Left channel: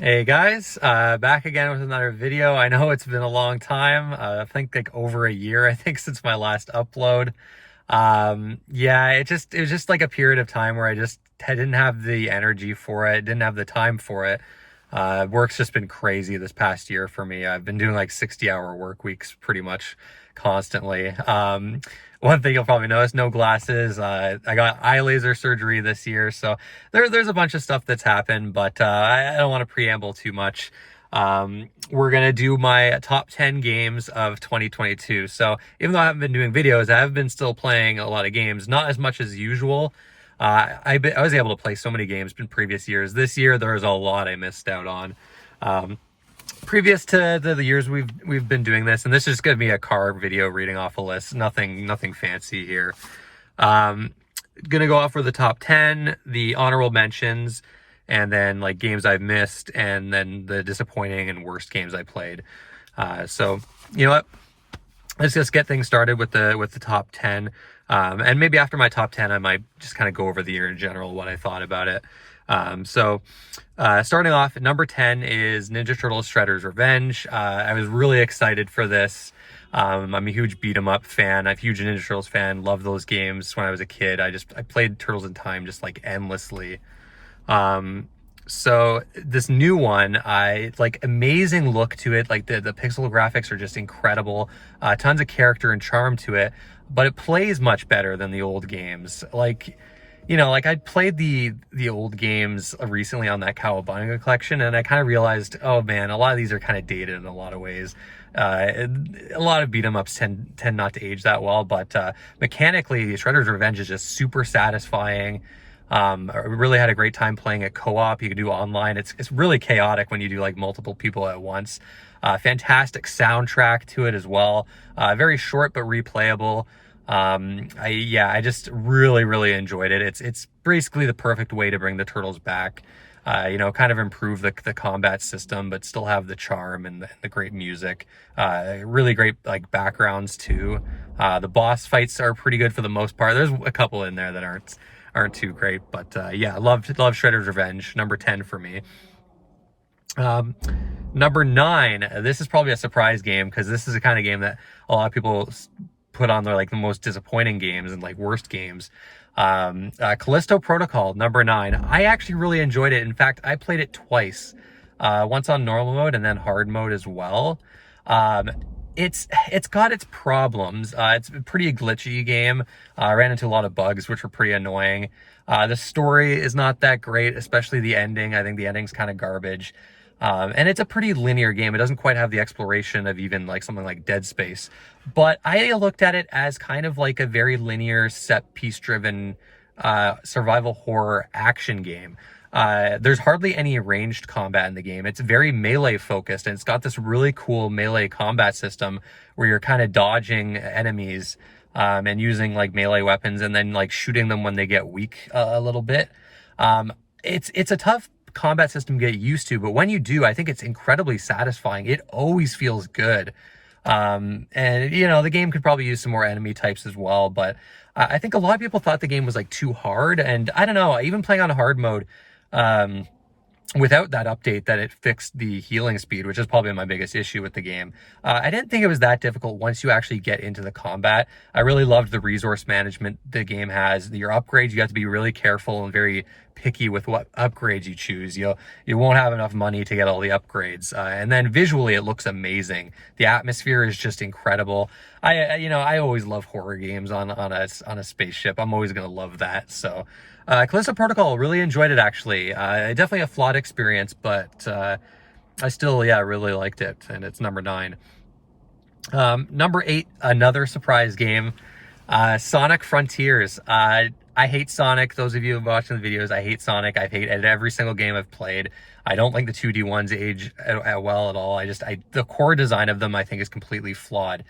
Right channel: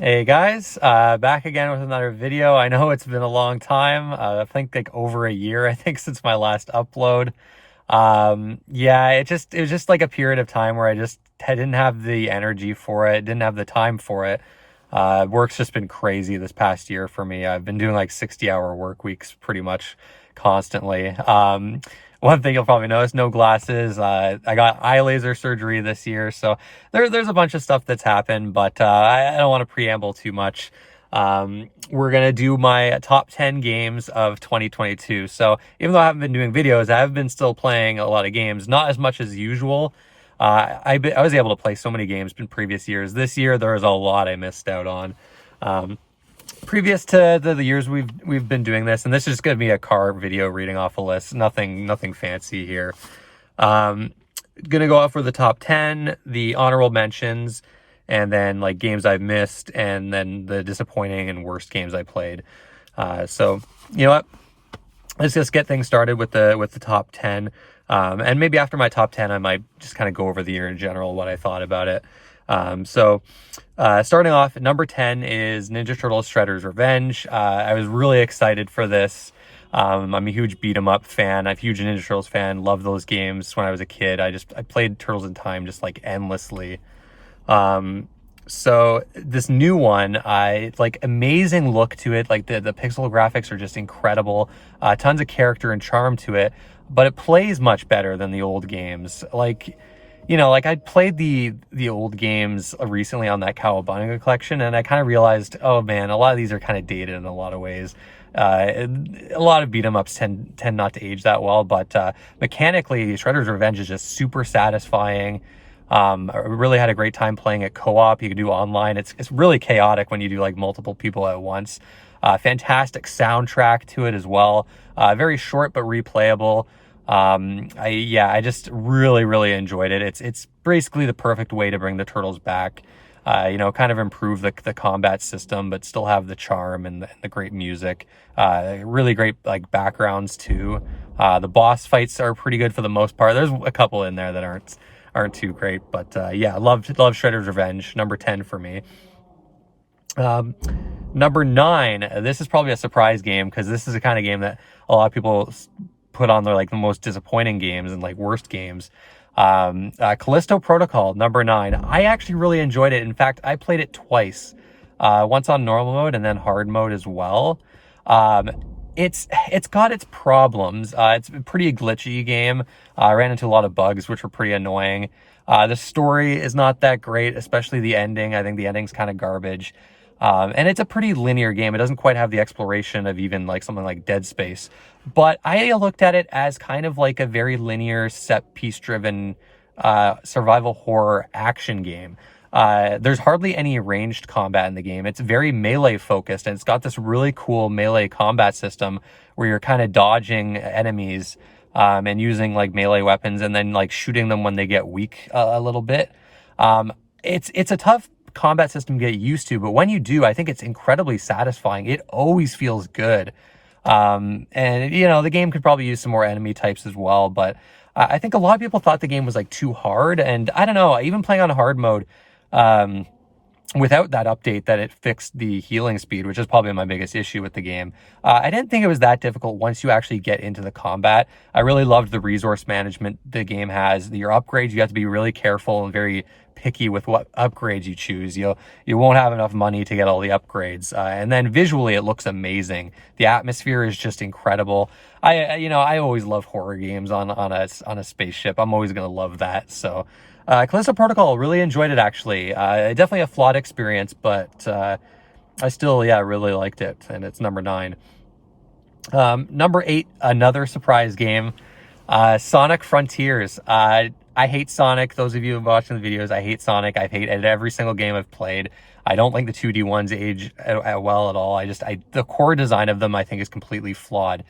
Hey guys, back again with another video. I know it's been a long time. I think like over a year, I think, since my last upload. Yeah, it was just like a period of time where I didn't have the energy for it, didn't have the time for it. Work's just been crazy this past year for me. I've been doing like 60-hour work weeks pretty much constantly. One thing you'll probably notice, no glasses. I got eye laser surgery this year, so there's a bunch of stuff that's happened, but I don't want to preamble too much. We're gonna do my top 10 games of 2022. So even though I haven't been doing videos, I have been still playing a lot of games, not as much as usual. I was able to play so many games in previous years. This year there was a lot I missed out on. Um, Previous to the years we've been doing this, and this is just gonna be a car video reading off a list. Nothing fancy here. Um, Gonna go off for the top 10, the honorable mentions, and then like games I've missed, and then the disappointing and worst games I played. So you know what? Let's just get things started with the top 10. And maybe after my top 10, I might just kind of go over the year in general, what I thought about it. Starting off at number 10 is Ninja Turtles Shredder's Revenge. I was really excited for this. I'm a huge beat 'em up fan. I'm a huge Ninja Turtles fan. Loved those games when I was a kid. I played Turtles in Time just like endlessly. So this new one, I like amazing look to it. Like the pixel graphics are just incredible. Tons of character and charm to it, but it plays much better than the old games. Like I played the old games recently on that Cowabunga collection, and I kind of realized, oh man, a lot of these are kind of dated in a lot of ways. A lot of beat 'em ups tend not to age that well, but mechanically, Shredder's Revenge is just super satisfying. I really had a great time playing it co-op. You can do online. It's really chaotic when you do like multiple people at once. Fantastic soundtrack to it as well. Very short but replayable. I just really enjoyed it. It's basically the perfect way to bring the Turtles back. Kind of improve the combat system, but still have the charm and the great music. Really great like backgrounds too. The boss fights are pretty good for the most part. There's a couple in there that aren't too great, but yeah, love Shredder's Revenge. Number 10 for me. Number 9. This is probably a surprise game because this is the kind of game that a lot of people put on their like the most disappointing games and like worst games. Callisto Protocol, number 9. I actually really enjoyed it. In fact, I played it twice. Once on normal mode and then hard mode as well. It's got its problems. It's a pretty glitchy game. I ran into a lot of bugs, which were pretty annoying. The story is not that great, especially the ending. I think the ending's kind of garbage. And it's a pretty linear game. It doesn't quite have the exploration of even like something like Dead Space. But I looked at it as kind of like a very linear, set piece driven survival horror action game. There's hardly any ranged combat in the game. It's very melee focused, and it's got this really cool melee combat system where you're kind of dodging enemies and using like melee weapons and then like shooting them when they get weak a little bit. It's a tough combat system to get used to, but when you do, I think it's incredibly satisfying. It always feels good. And the game could probably use some more enemy types as well, but I think a lot of people thought the game was like too hard, and I don't know, even playing on hard mode, without that update that it fixed the healing speed, which is probably my biggest issue with the game. I didn't think it was that difficult once you actually get into the combat. I really loved the resource management the game has. Your upgrades, you have to be really careful and very picky with what upgrades you choose. You won't have enough money to get all the upgrades. And then visually, it looks amazing. The atmosphere is just incredible. I always love horror games on a spaceship. I'm always gonna love that. So. Callisto Protocol, really enjoyed it actually. Definitely a flawed experience, but I still, really liked it, and it's number 9. Number 8, another surprise game, Sonic Frontiers. I hate Sonic. Those of you watching the videos, I hate Sonic. I've hated every single game I've played. I don't think the 2D ones age well at all. The core design of them, I think, is completely flawed.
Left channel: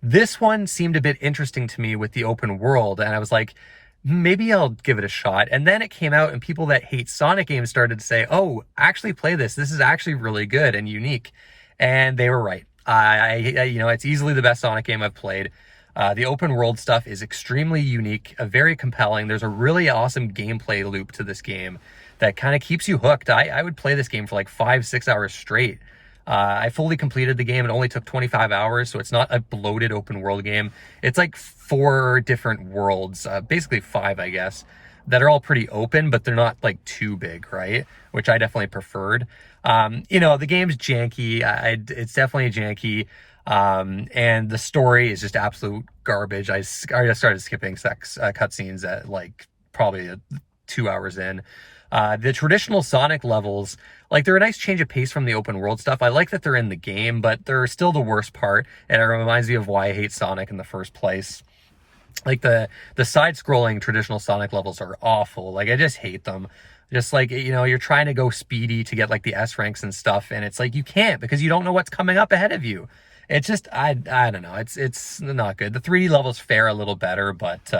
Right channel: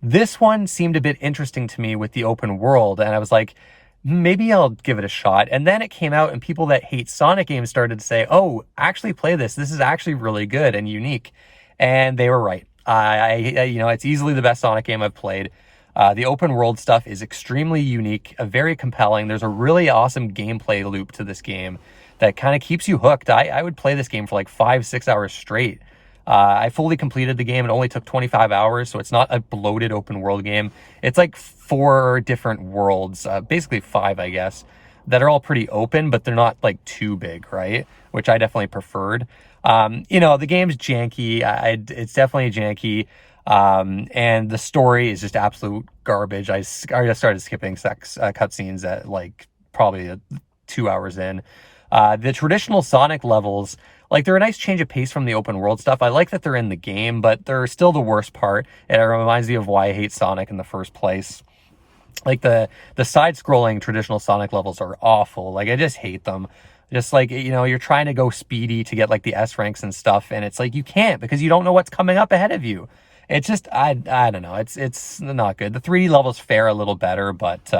This one seemed a bit interesting to me with the open world, and I was like, maybe I'll give it a shot. And then it came out and people that hate Sonic games started to say, oh, actually play this. This is actually really good and unique. And they were right. It's easily the best Sonic game I've played. The open world stuff is extremely unique, very compelling. There's a really awesome gameplay loop to this game that kind of keeps you hooked. I would play this game for like 5-6 hours straight. I fully completed the game. It only took 25 hours, so it's not a bloated open world game. It's like 4 different worlds, basically 5, I guess, that are all pretty open, but they're not like too big, right? Which I definitely preferred. The game's janky. It's definitely janky. And the story is just absolute garbage. I just started skipping cutscenes at like probably 2 hours in. The traditional Sonic levels, like, they're a nice change of pace from the open world stuff. I like that they're in the game, but they're still the worst part. And it reminds me of why I hate Sonic in the first place. Like, the side-scrolling traditional Sonic levels are awful. Like, I just hate them. Just like, you're trying to go speedy to get like the S ranks and stuff, and it's like you can't because you don't know what's coming up ahead of you. It's just, I don't know. It's not good. The 3D levels fare a little better, but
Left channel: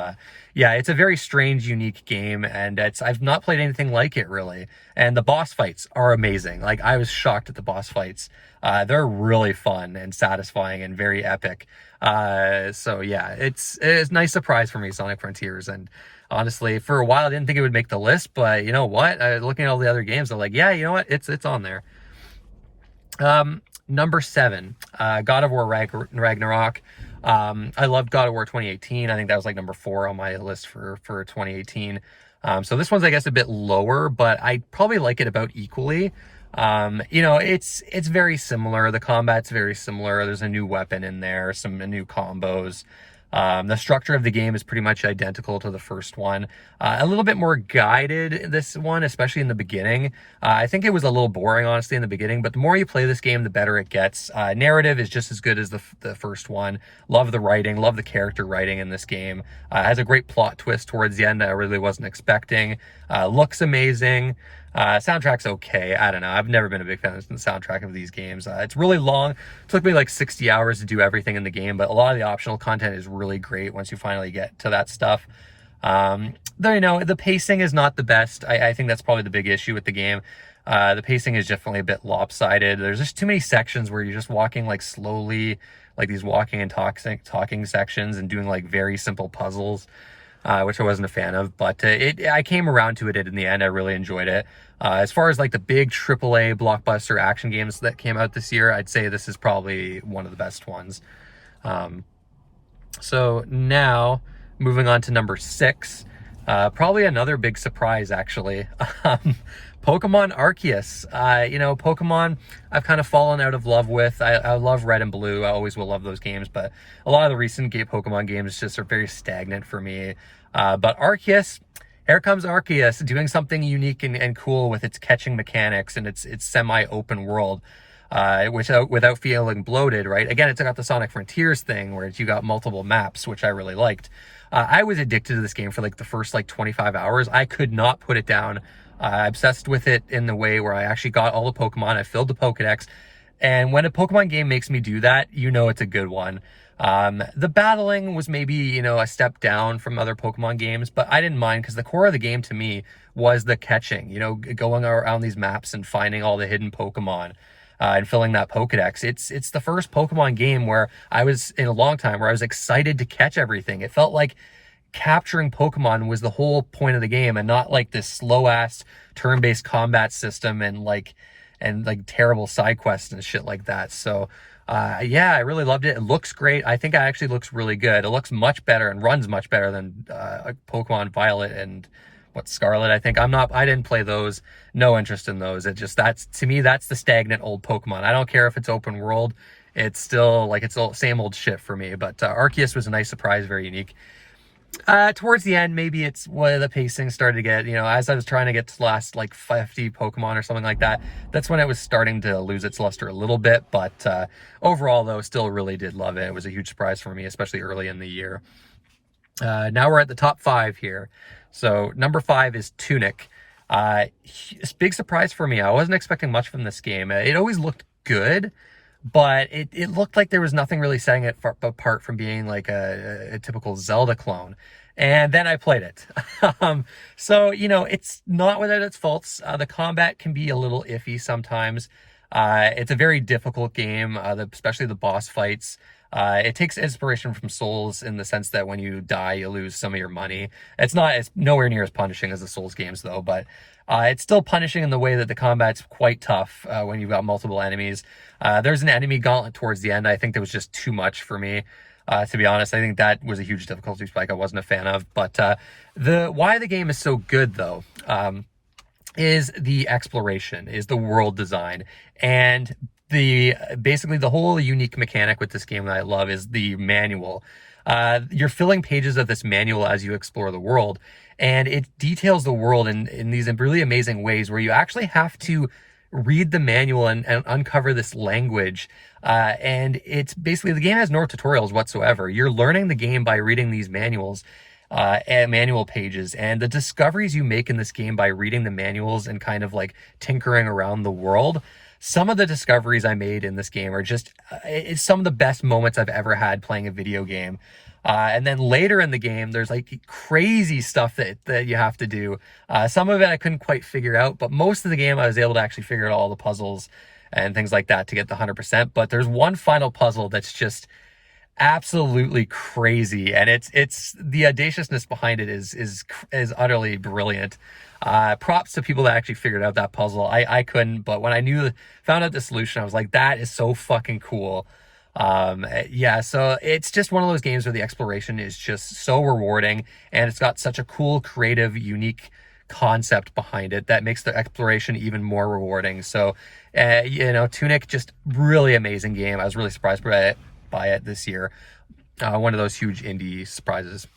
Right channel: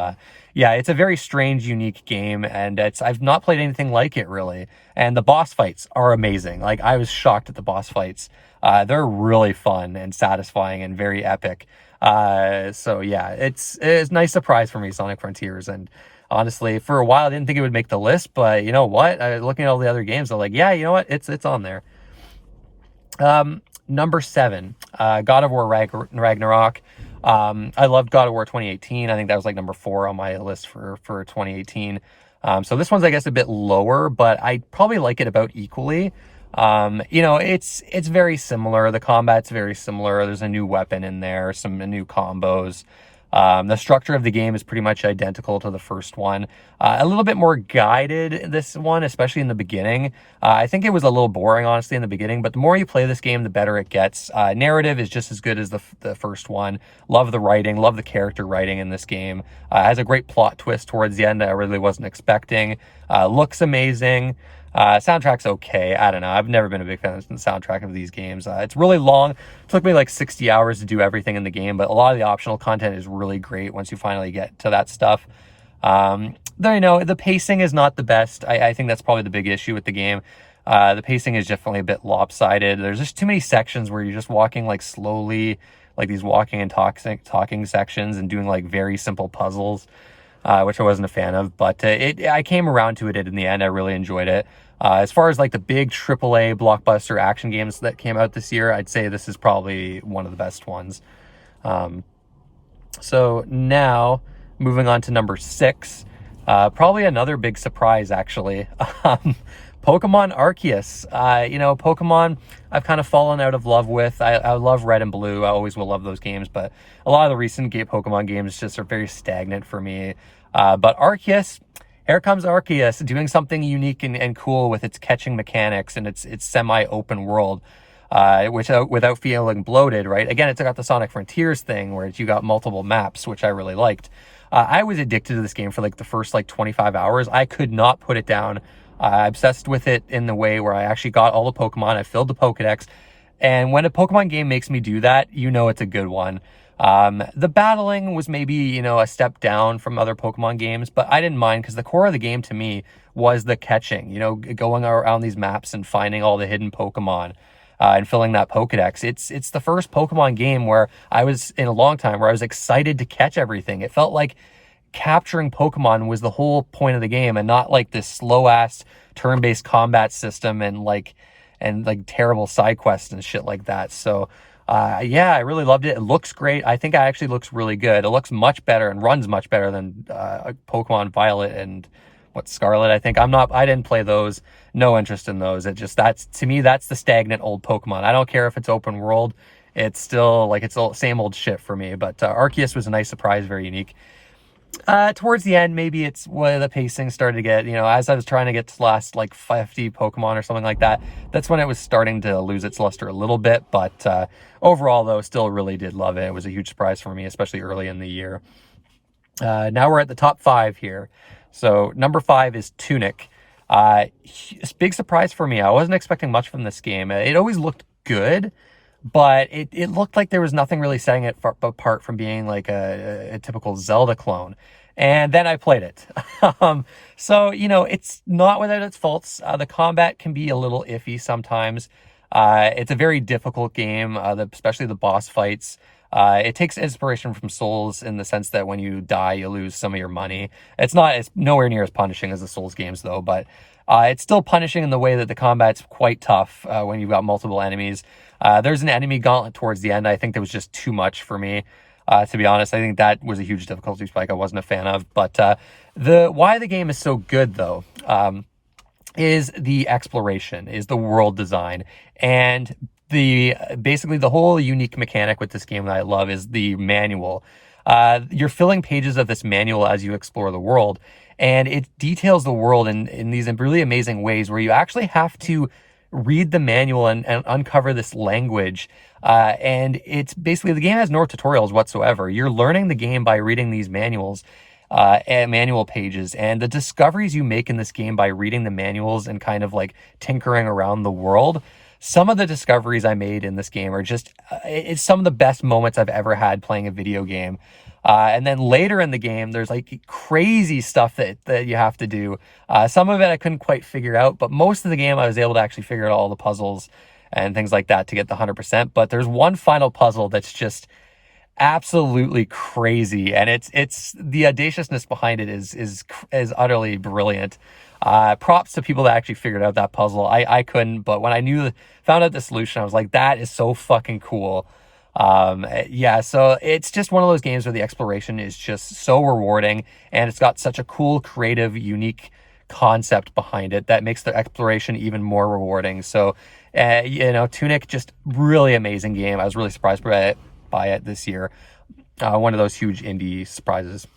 yeah, it's a very strange, unique game, and I've not played anything like it really. And the boss fights are amazing. Like, I was shocked at the boss fights. They're really fun and satisfying and very epic. So yeah, it's a nice surprise for me, Sonic Frontiers. And honestly, for a while, I didn't think it would make the list, but you know what? Looking at all the other games, I'm like, yeah, you know what? It's on there. Number 7, God of War Ragnarok. I loved God of War 2018. I think that was like number 4 on my list for 2018. So this one's, I guess, a bit lower, but I probably like it about equally. It's very similar. The combat's very similar. There's a new weapon in there, some new combos. The structure of the game is pretty much identical to the first one. A little bit more guided, this one, especially in the beginning. I think it was a little boring, honestly, in the beginning, but the more you play this game, the better it gets. Narrative is just as good as the first one. Love the writing, love the character writing in this game. Has a great plot twist towards the end that I really wasn't expecting. Looks amazing. Soundtrack's okay. I don't know. I've never been a big fan of the soundtrack of these games. It's really long. It took me like 60 hours to do everything in the game, but a lot of the optional content is really great once you finally get to that stuff. Though, the pacing is not the best. I think that's probably the big issue with the game. The pacing is definitely a bit lopsided. There's just too many sections where you're just walking like slowly, like these walking and talking sections, and doing like very simple puzzles, which I wasn't a fan of. But I came around to it in the end. I really enjoyed it. As far as like the big AAA blockbuster action games that came out this year, I'd say this is probably one of the best ones. So now moving on to number 6, probably another big surprise, actually. Pokemon Arceus. Pokemon I've kind of fallen out of love with. I love Red and Blue. I always will love those games, but a lot of the recent Pokemon games just are very stagnant for me. But Arceus, here comes Arceus doing something unique and cool with its catching mechanics and its semi-open world, without feeling bloated, right? Again, it's got the Sonic Frontiers thing where you got multiple maps, which I really liked. I was addicted to this game for like the first like 25 hours. I could not put it down. Obsessed with it in the way where I actually got all the Pokemon. I filled the Pokedex. And when a Pokemon game makes me do that, it's a good one. The battling was maybe, a step down from other Pokemon games, but I didn't mind because the core of the game to me was the catching, going around these maps and finding all the hidden Pokemon, and filling that Pokedex. It's the first Pokemon game where I was in a long time where I was excited to catch everything. It felt like capturing Pokemon was the whole point of the game, and not like this slow ass turn-based combat system and terrible side quests and shit like that. So yeah, I really loved it. It looks great. I think it actually looks really good. It looks much better and runs much better than Pokemon Violet and Scarlet. I think I didn't play those. No interest in those. To me, that's the stagnant old Pokemon. I don't care if it's open world. It's still like it's the same old shit for me. But Arceus was a nice surprise, very unique. Towards the end, maybe it's where the pacing started to get, as I was trying to get to the last like 50 Pokemon or something like that, that's when it was starting to lose its luster a little bit. But overall, though, still really did love it. It was a huge surprise for me, especially early in the year. Now we're at the top 5 here. So number 5 is Tunic. Big surprise for me. I wasn't expecting much from this game. It always looked good, but it looked like there was nothing really setting it apart from being like a typical Zelda clone. And then I played it. So, it's not without its faults. The combat can be a little iffy sometimes. It's a very difficult game, especially the boss fights. It takes inspiration from Souls in the sense that when you die, you lose some of your money. It's nowhere near as punishing as the Souls games though, but It's still punishing in the way that the combat's quite tough when you've got multiple enemies. There's an enemy gauntlet towards the end. I think that was just too much for me. To be honest, I think that was a huge difficulty spike I wasn't a fan of. But why the game is so good, though, is the exploration, is the world design, and basically the whole unique mechanic with this game that I love is the manual. You're filling pages of this manual as you explore the world, and it details the world in these really amazing ways where you actually have to read the manual and uncover this language. And it's basically, the game has no tutorials whatsoever. You're learning the game by reading these manuals, and manual pages, and the discoveries you make in this game by reading the manuals and kind of like tinkering around the world. Some of the discoveries I made in this game are just, it's some of the best moments I've ever had playing a video game. And then later in the game, there's like crazy stuff that you have to do. Some of it I couldn't quite figure out, but most of the game I was able to actually figure out all the puzzles and things like that to get the 100%. But there's one final puzzle that's just absolutely crazy, and it's the audaciousness behind it is utterly brilliant. Props to people that actually figured out that puzzle. I couldn't, but when I found out the solution, I was like, that is so fucking cool. Yeah, so it's just one of those games where the exploration is just so rewarding, and it's got such a cool, creative, unique concept behind it that makes the exploration even more rewarding. So, Tunic, just really amazing game. I was really surprised by it this year. One of those huge indie surprises.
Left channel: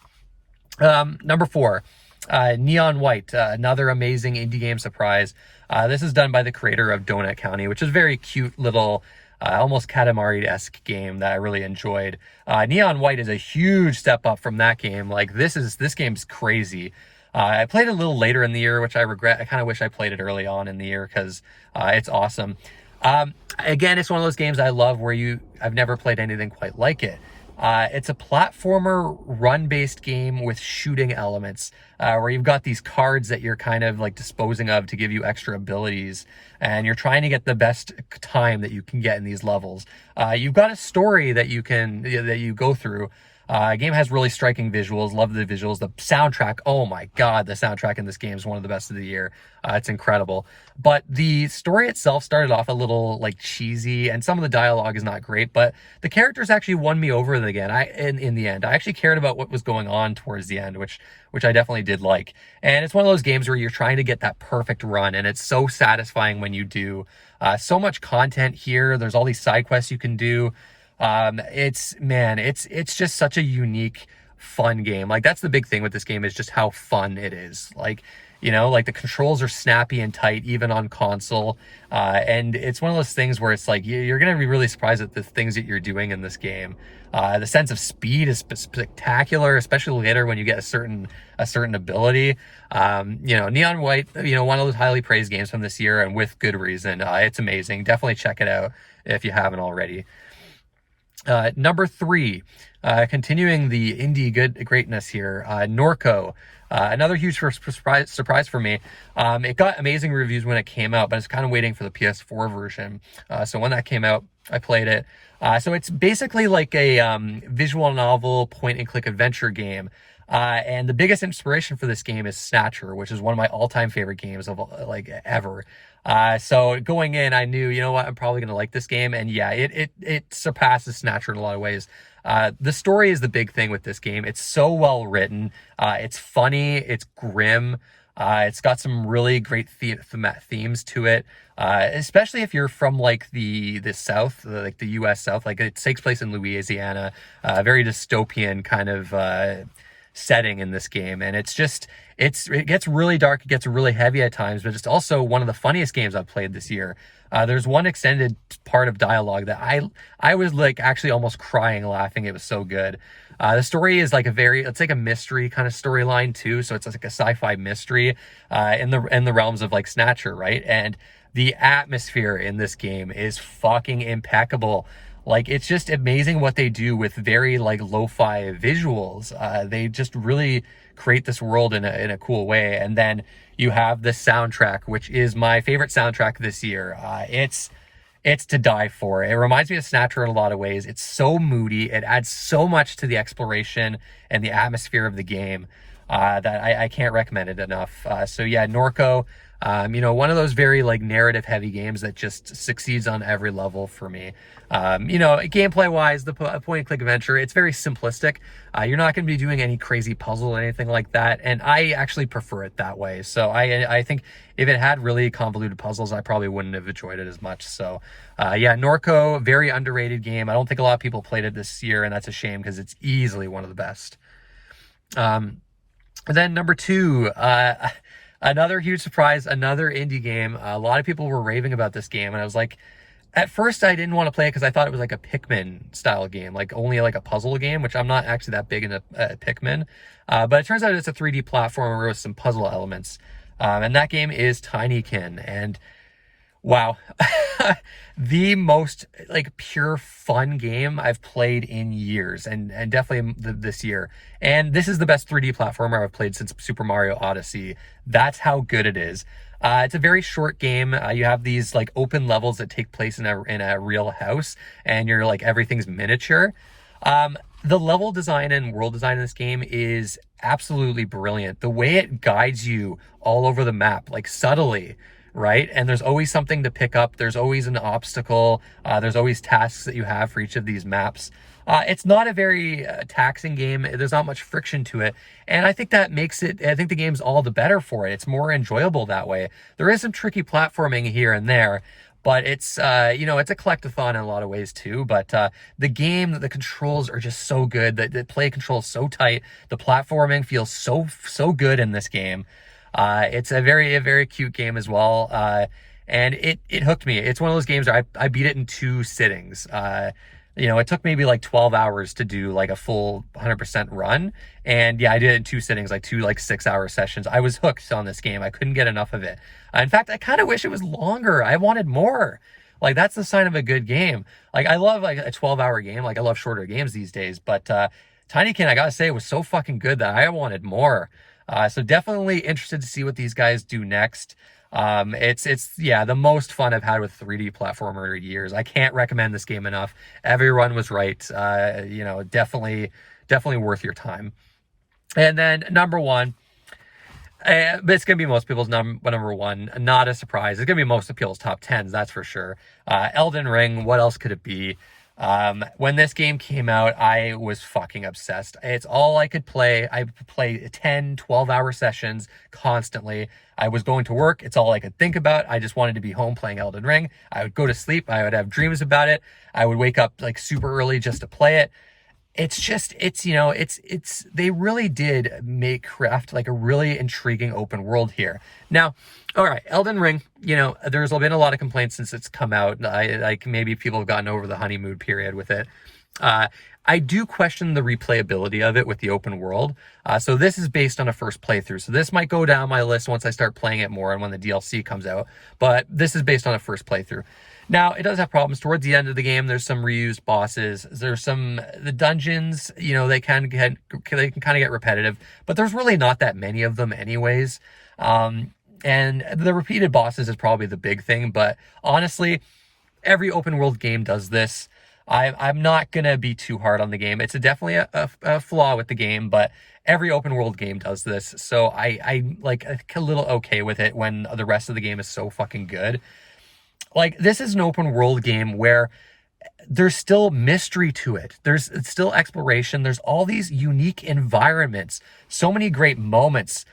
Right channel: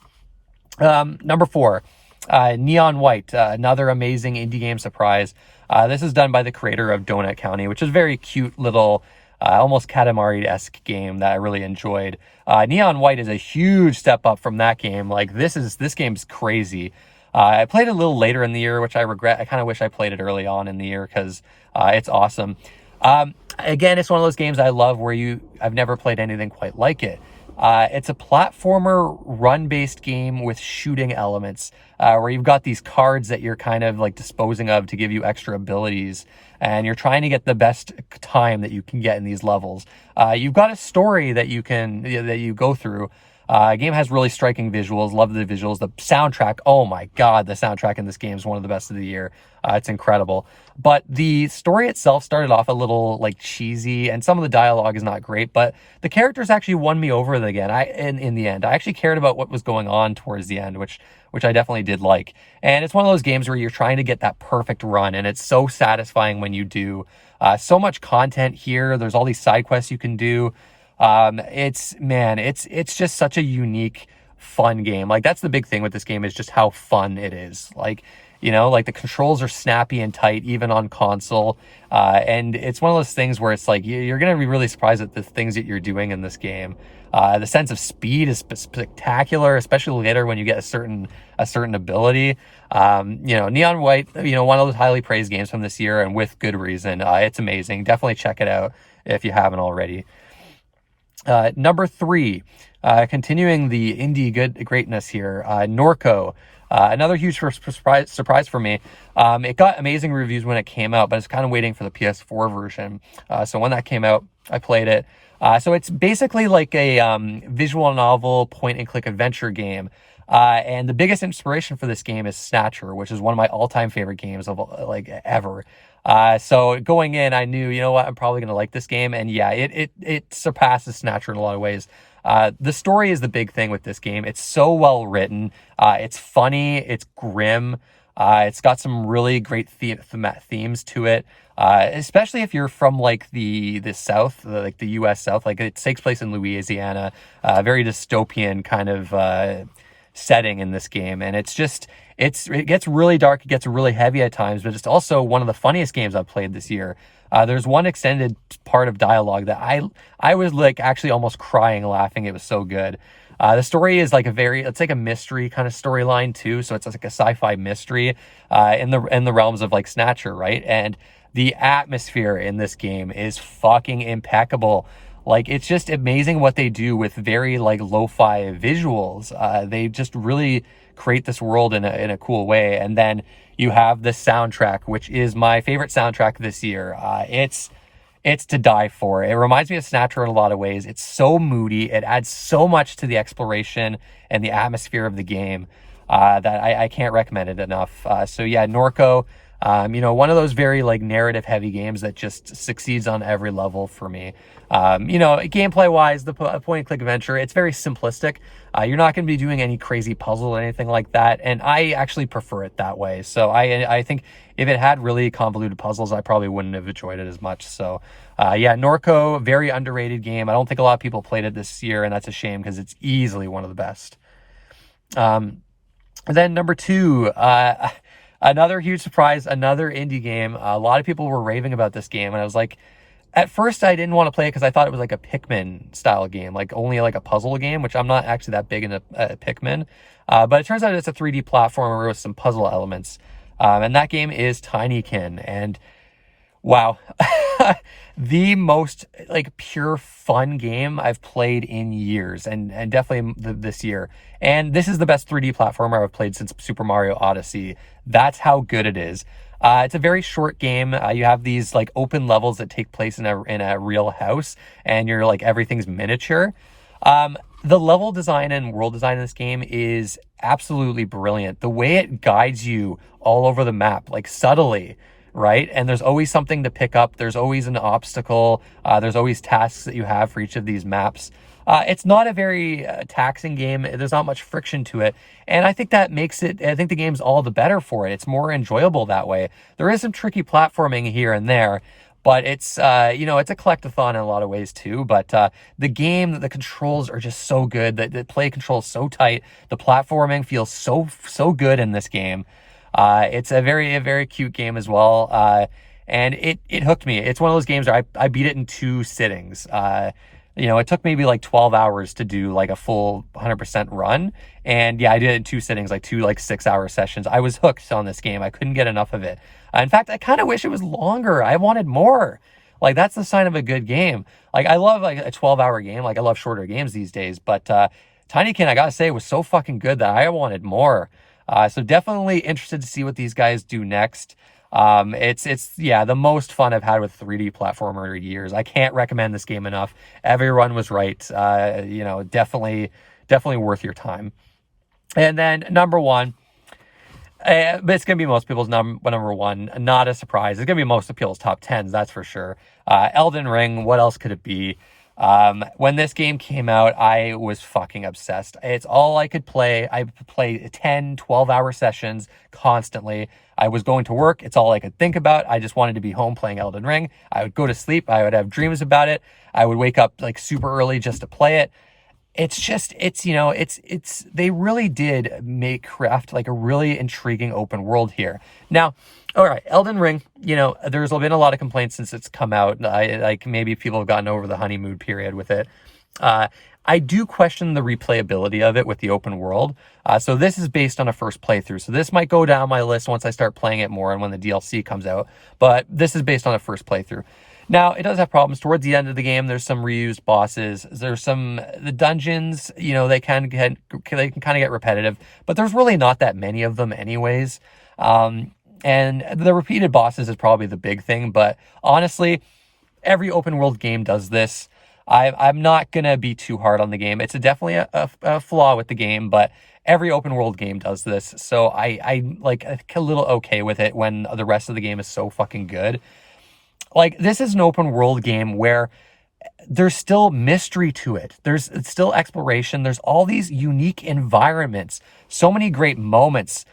Number 4, Neon White, another amazing indie game surprise. This is done by the creator of Donut County, which is a very cute little, almost Katamari-esque game that I really enjoyed. Neon White is a huge step up from that game. Like, this game's crazy. I played it a little later in the year, which I regret. I kind of wish I played it early on in the year because it's awesome. Again, it's one of those games I love where I've never played anything quite like it. It's a platformer run-based game with shooting elements, where you've got these cards that you're kind of like disposing of to give you extra abilities, and you're trying to get the best time that you can get in these levels. You've got a story that you go through. Game has really striking visuals. Love the visuals. The soundtrack, oh my god, the soundtrack in this game is one of the best of the year. It's incredible. But the story itself started off a little like cheesy, and some of the dialogue is not great, but the characters actually won me over again. In the end, I actually cared about what was going on towards the end, which I definitely did like. And it's one of those games where you're trying to get that perfect run, and it's so satisfying when you do. So much content here. There's all these side quests you can do. It's just such a unique, fun game. Like, that's the big thing with this game, is just how fun it is. Like, like the controls are snappy and tight, even on console. And it's one of those things where it's like, you're going to be really surprised at the things that you're doing in this game. The sense of speed is spectacular, especially later when you get a certain ability. Neon White, one of those highly praised games from this year, and with good reason. It's amazing. Definitely check it out if you haven't already. Number 3, continuing the indie greatness here, Norco. Another huge surprise for me. It got amazing reviews when it came out, but it's kind of waiting for the PS4 version. So when that came out, I played it. So it's basically like a visual novel point-and-click adventure game. And the biggest inspiration for this game is Snatcher, which is one of my all-time favorite games of ever. So going in, I knew, I'm probably going to like this game. And yeah, it surpasses Snatcher in a lot of ways. The story is the big thing with this game. It's so well written. It's funny. It's grim. It's got some really great themes to it. Especially if you're from like the South, like the US South, like it takes place in Louisiana, very dystopian kind of, setting in this game. And it gets really dark. It gets really heavy at times, but it's also one of the funniest games I've played this year. There's one extended part of dialogue that I was like actually almost crying laughing. It was so good. The story is like it's like a mystery kind of storyline too. So it's like a sci-fi mystery, in the realms of like Snatcher, right? And the atmosphere in this game is fucking impeccable. Like, it's just amazing what they do with very like lo-fi visuals. They just really create this world in a cool way. And then you have the soundtrack, which is my favorite soundtrack this year. It's to die for. It reminds me of Snatcher in a lot of ways. It's so moody. It adds so much to the exploration and the atmosphere of the game, that I can't recommend it enough. So yeah, Norco, One of those very like narrative heavy games that just succeeds on every level for me. Gameplay wise, the point and click adventure, it's very simplistic. You're not going to be doing any crazy puzzle or anything like that. And I actually prefer it that way. So I think if it had really convoluted puzzles, I probably wouldn't have enjoyed it as much. So Norco, very underrated game. I don't think a lot of people played it this year, and that's a shame because it's easily one of the best. And then number 2, another huge surprise, another indie game. A lot of people were raving about this game, and I was like, at first I didn't want to play it because I thought it was like a Pikmin style game, like only like a puzzle game, which I'm not actually that big into Pikmin. But it turns out it's a 3D platformer with some puzzle elements. And that game is Tinykin. And wow, the most like pure fun game I've played in years, and definitely this year. And this is the best 3D platformer I've played since Super Mario Odyssey. That's how good it is. It's a very short game. You have these like open levels that take place in a real house, and you're like everything's miniature. The level design and world design in this game is absolutely brilliant. The way it guides you all over the map, like subtly, right? And there's always something to pick up. There's always an obstacle. There's always tasks that you have for each of these maps. It's not a very taxing game. There's not much friction to it. And I think that makes it, I think the game's all the better for it. It's more enjoyable that way. There is some tricky platforming here and there, but it's, it's a collectathon in a lot of ways too. But the game, the controls are just so good. The play control is so tight. The platforming feels so good in this game. It's a very cute game as well. And it hooked me. It's one of those games where I beat it in 2 sittings. It took maybe like 12 hours to do like a full 100% run. And yeah, I did it in 2 sittings, like 2 like 6-hour sessions. I was hooked on this game. I couldn't get enough of it. In fact, I kind of wish it was longer. I wanted more. Like that's the sign of a good game. Like I love like a 12-hour game. Like I love shorter games these days, but Tinykin, I gotta say, was so fucking good that I wanted more. So definitely interested to see what these guys do next. It's the most fun I've had with 3D platformer in years. I can't recommend this game enough. Everyone was right. Definitely worth your time. And then number 1, but it's going to be most people's number 1. Not a surprise. It's going to be most of people's top 10s, that's for sure. Elden Ring, what else could it be? When this game came out, I was fucking obsessed. It's all I could play. I play 10, 12-hour sessions constantly. I was going to work. It's all I could think about. I just wanted to be home playing Elden Ring. I would go to sleep. I would have dreams about it. I would wake up like super early just to play it. They really did make craft like a really intriguing open world here. Now, all right, Elden Ring, there's been a lot of complaints since it's come out. Maybe people have gotten over the honeymoon period with it. I do question the replayability of it with the open world. So this is based on a first playthrough. So this might go down my list once I start playing it more and when the DLC comes out. But this is based on a first playthrough. Now, it does have problems. Towards the end of the game, there's some reused bosses. There's the dungeons, they can kind of get repetitive, but there's really not that many of them anyways. And the repeated bosses is probably the big thing, but honestly, every open world game does this. I'm not going to be too hard on the game. It's definitely a flaw with the game, but every open world game does this. So I like a little okay with it when the rest of the game is so fucking good. Like, this is an open world game where there's still mystery to it. There's still exploration. There's all these unique environments. So many great moments.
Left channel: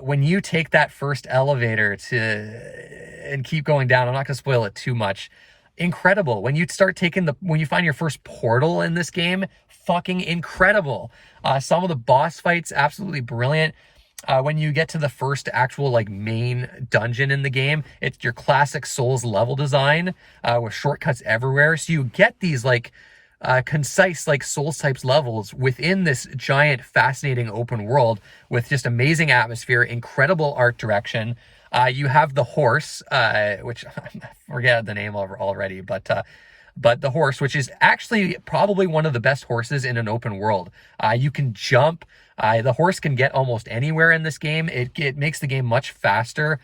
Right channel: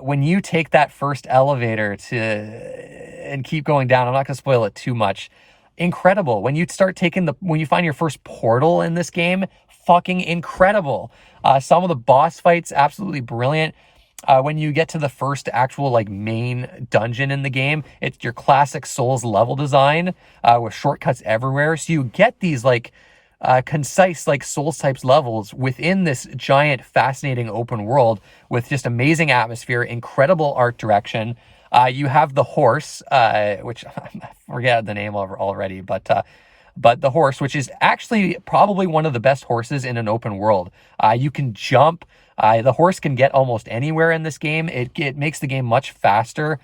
When you take that first elevator and keep going down, I'm not going to spoil it too much. Incredible. When you find your first portal in this game, fucking incredible. Some of the boss fights, absolutely brilliant. When you get to the first actual like main dungeon in the game, it's your classic Souls level design with shortcuts everywhere. So you get these like concise like Souls types levels within this giant fascinating open world with just amazing atmosphere, incredible art direction. You have the horse, which I forget the name of already, but the horse, which is actually probably one of the best horses in an open world. You can jump. The horse can get almost anywhere in this game. It makes the game much faster.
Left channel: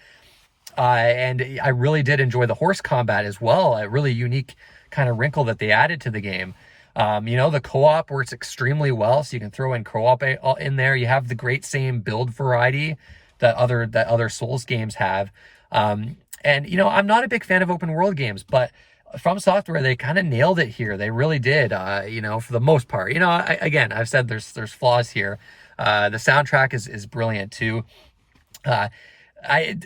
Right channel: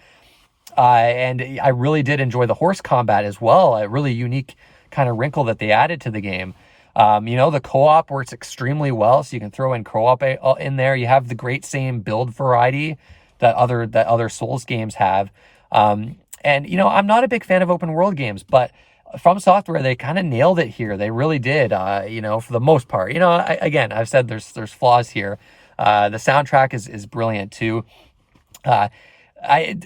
And I really did enjoy the horse combat as well. A really unique kind of wrinkle that they added to the game. The co-op works extremely well, so you can throw in co-op in there. You have the great same build variety that other Souls games have. And you know, I'm not a big fan of open world games, but From Software, they kind of nailed it here. They really did. You know, for the most part. You know, again, I've said there's flaws here. The soundtrack is brilliant too. Uh,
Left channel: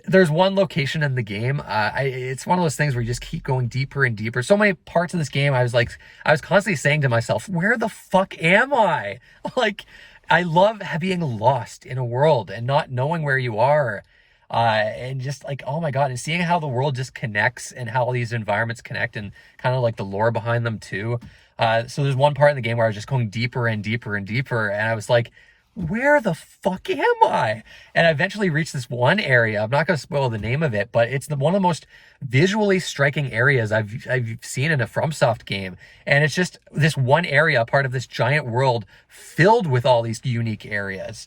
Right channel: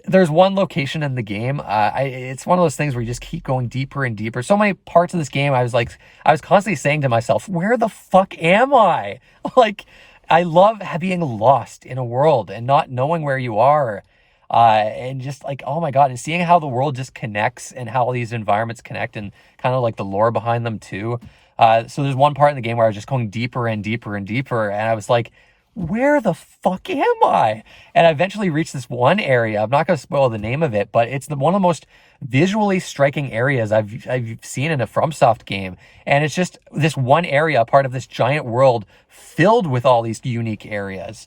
there's one location in the game. It's one of those things where you just keep going deeper and deeper. So many parts of this game, I was constantly saying to myself, "Where the fuck am I?" Like, I love being lost in a world and not knowing where you are, and just like, oh my god, and seeing how the world just connects and how all these environments connect and kind of like the lore behind them too. So there's one part in the game where I was just going deeper and deeper and deeper, and I was like, where the fuck am I? And I eventually reached this one area. I'm not going to spoil the name of it, but it's one of the most visually striking areas I've seen in a FromSoft game. And it's just this one area, part of this giant world filled with all these unique areas.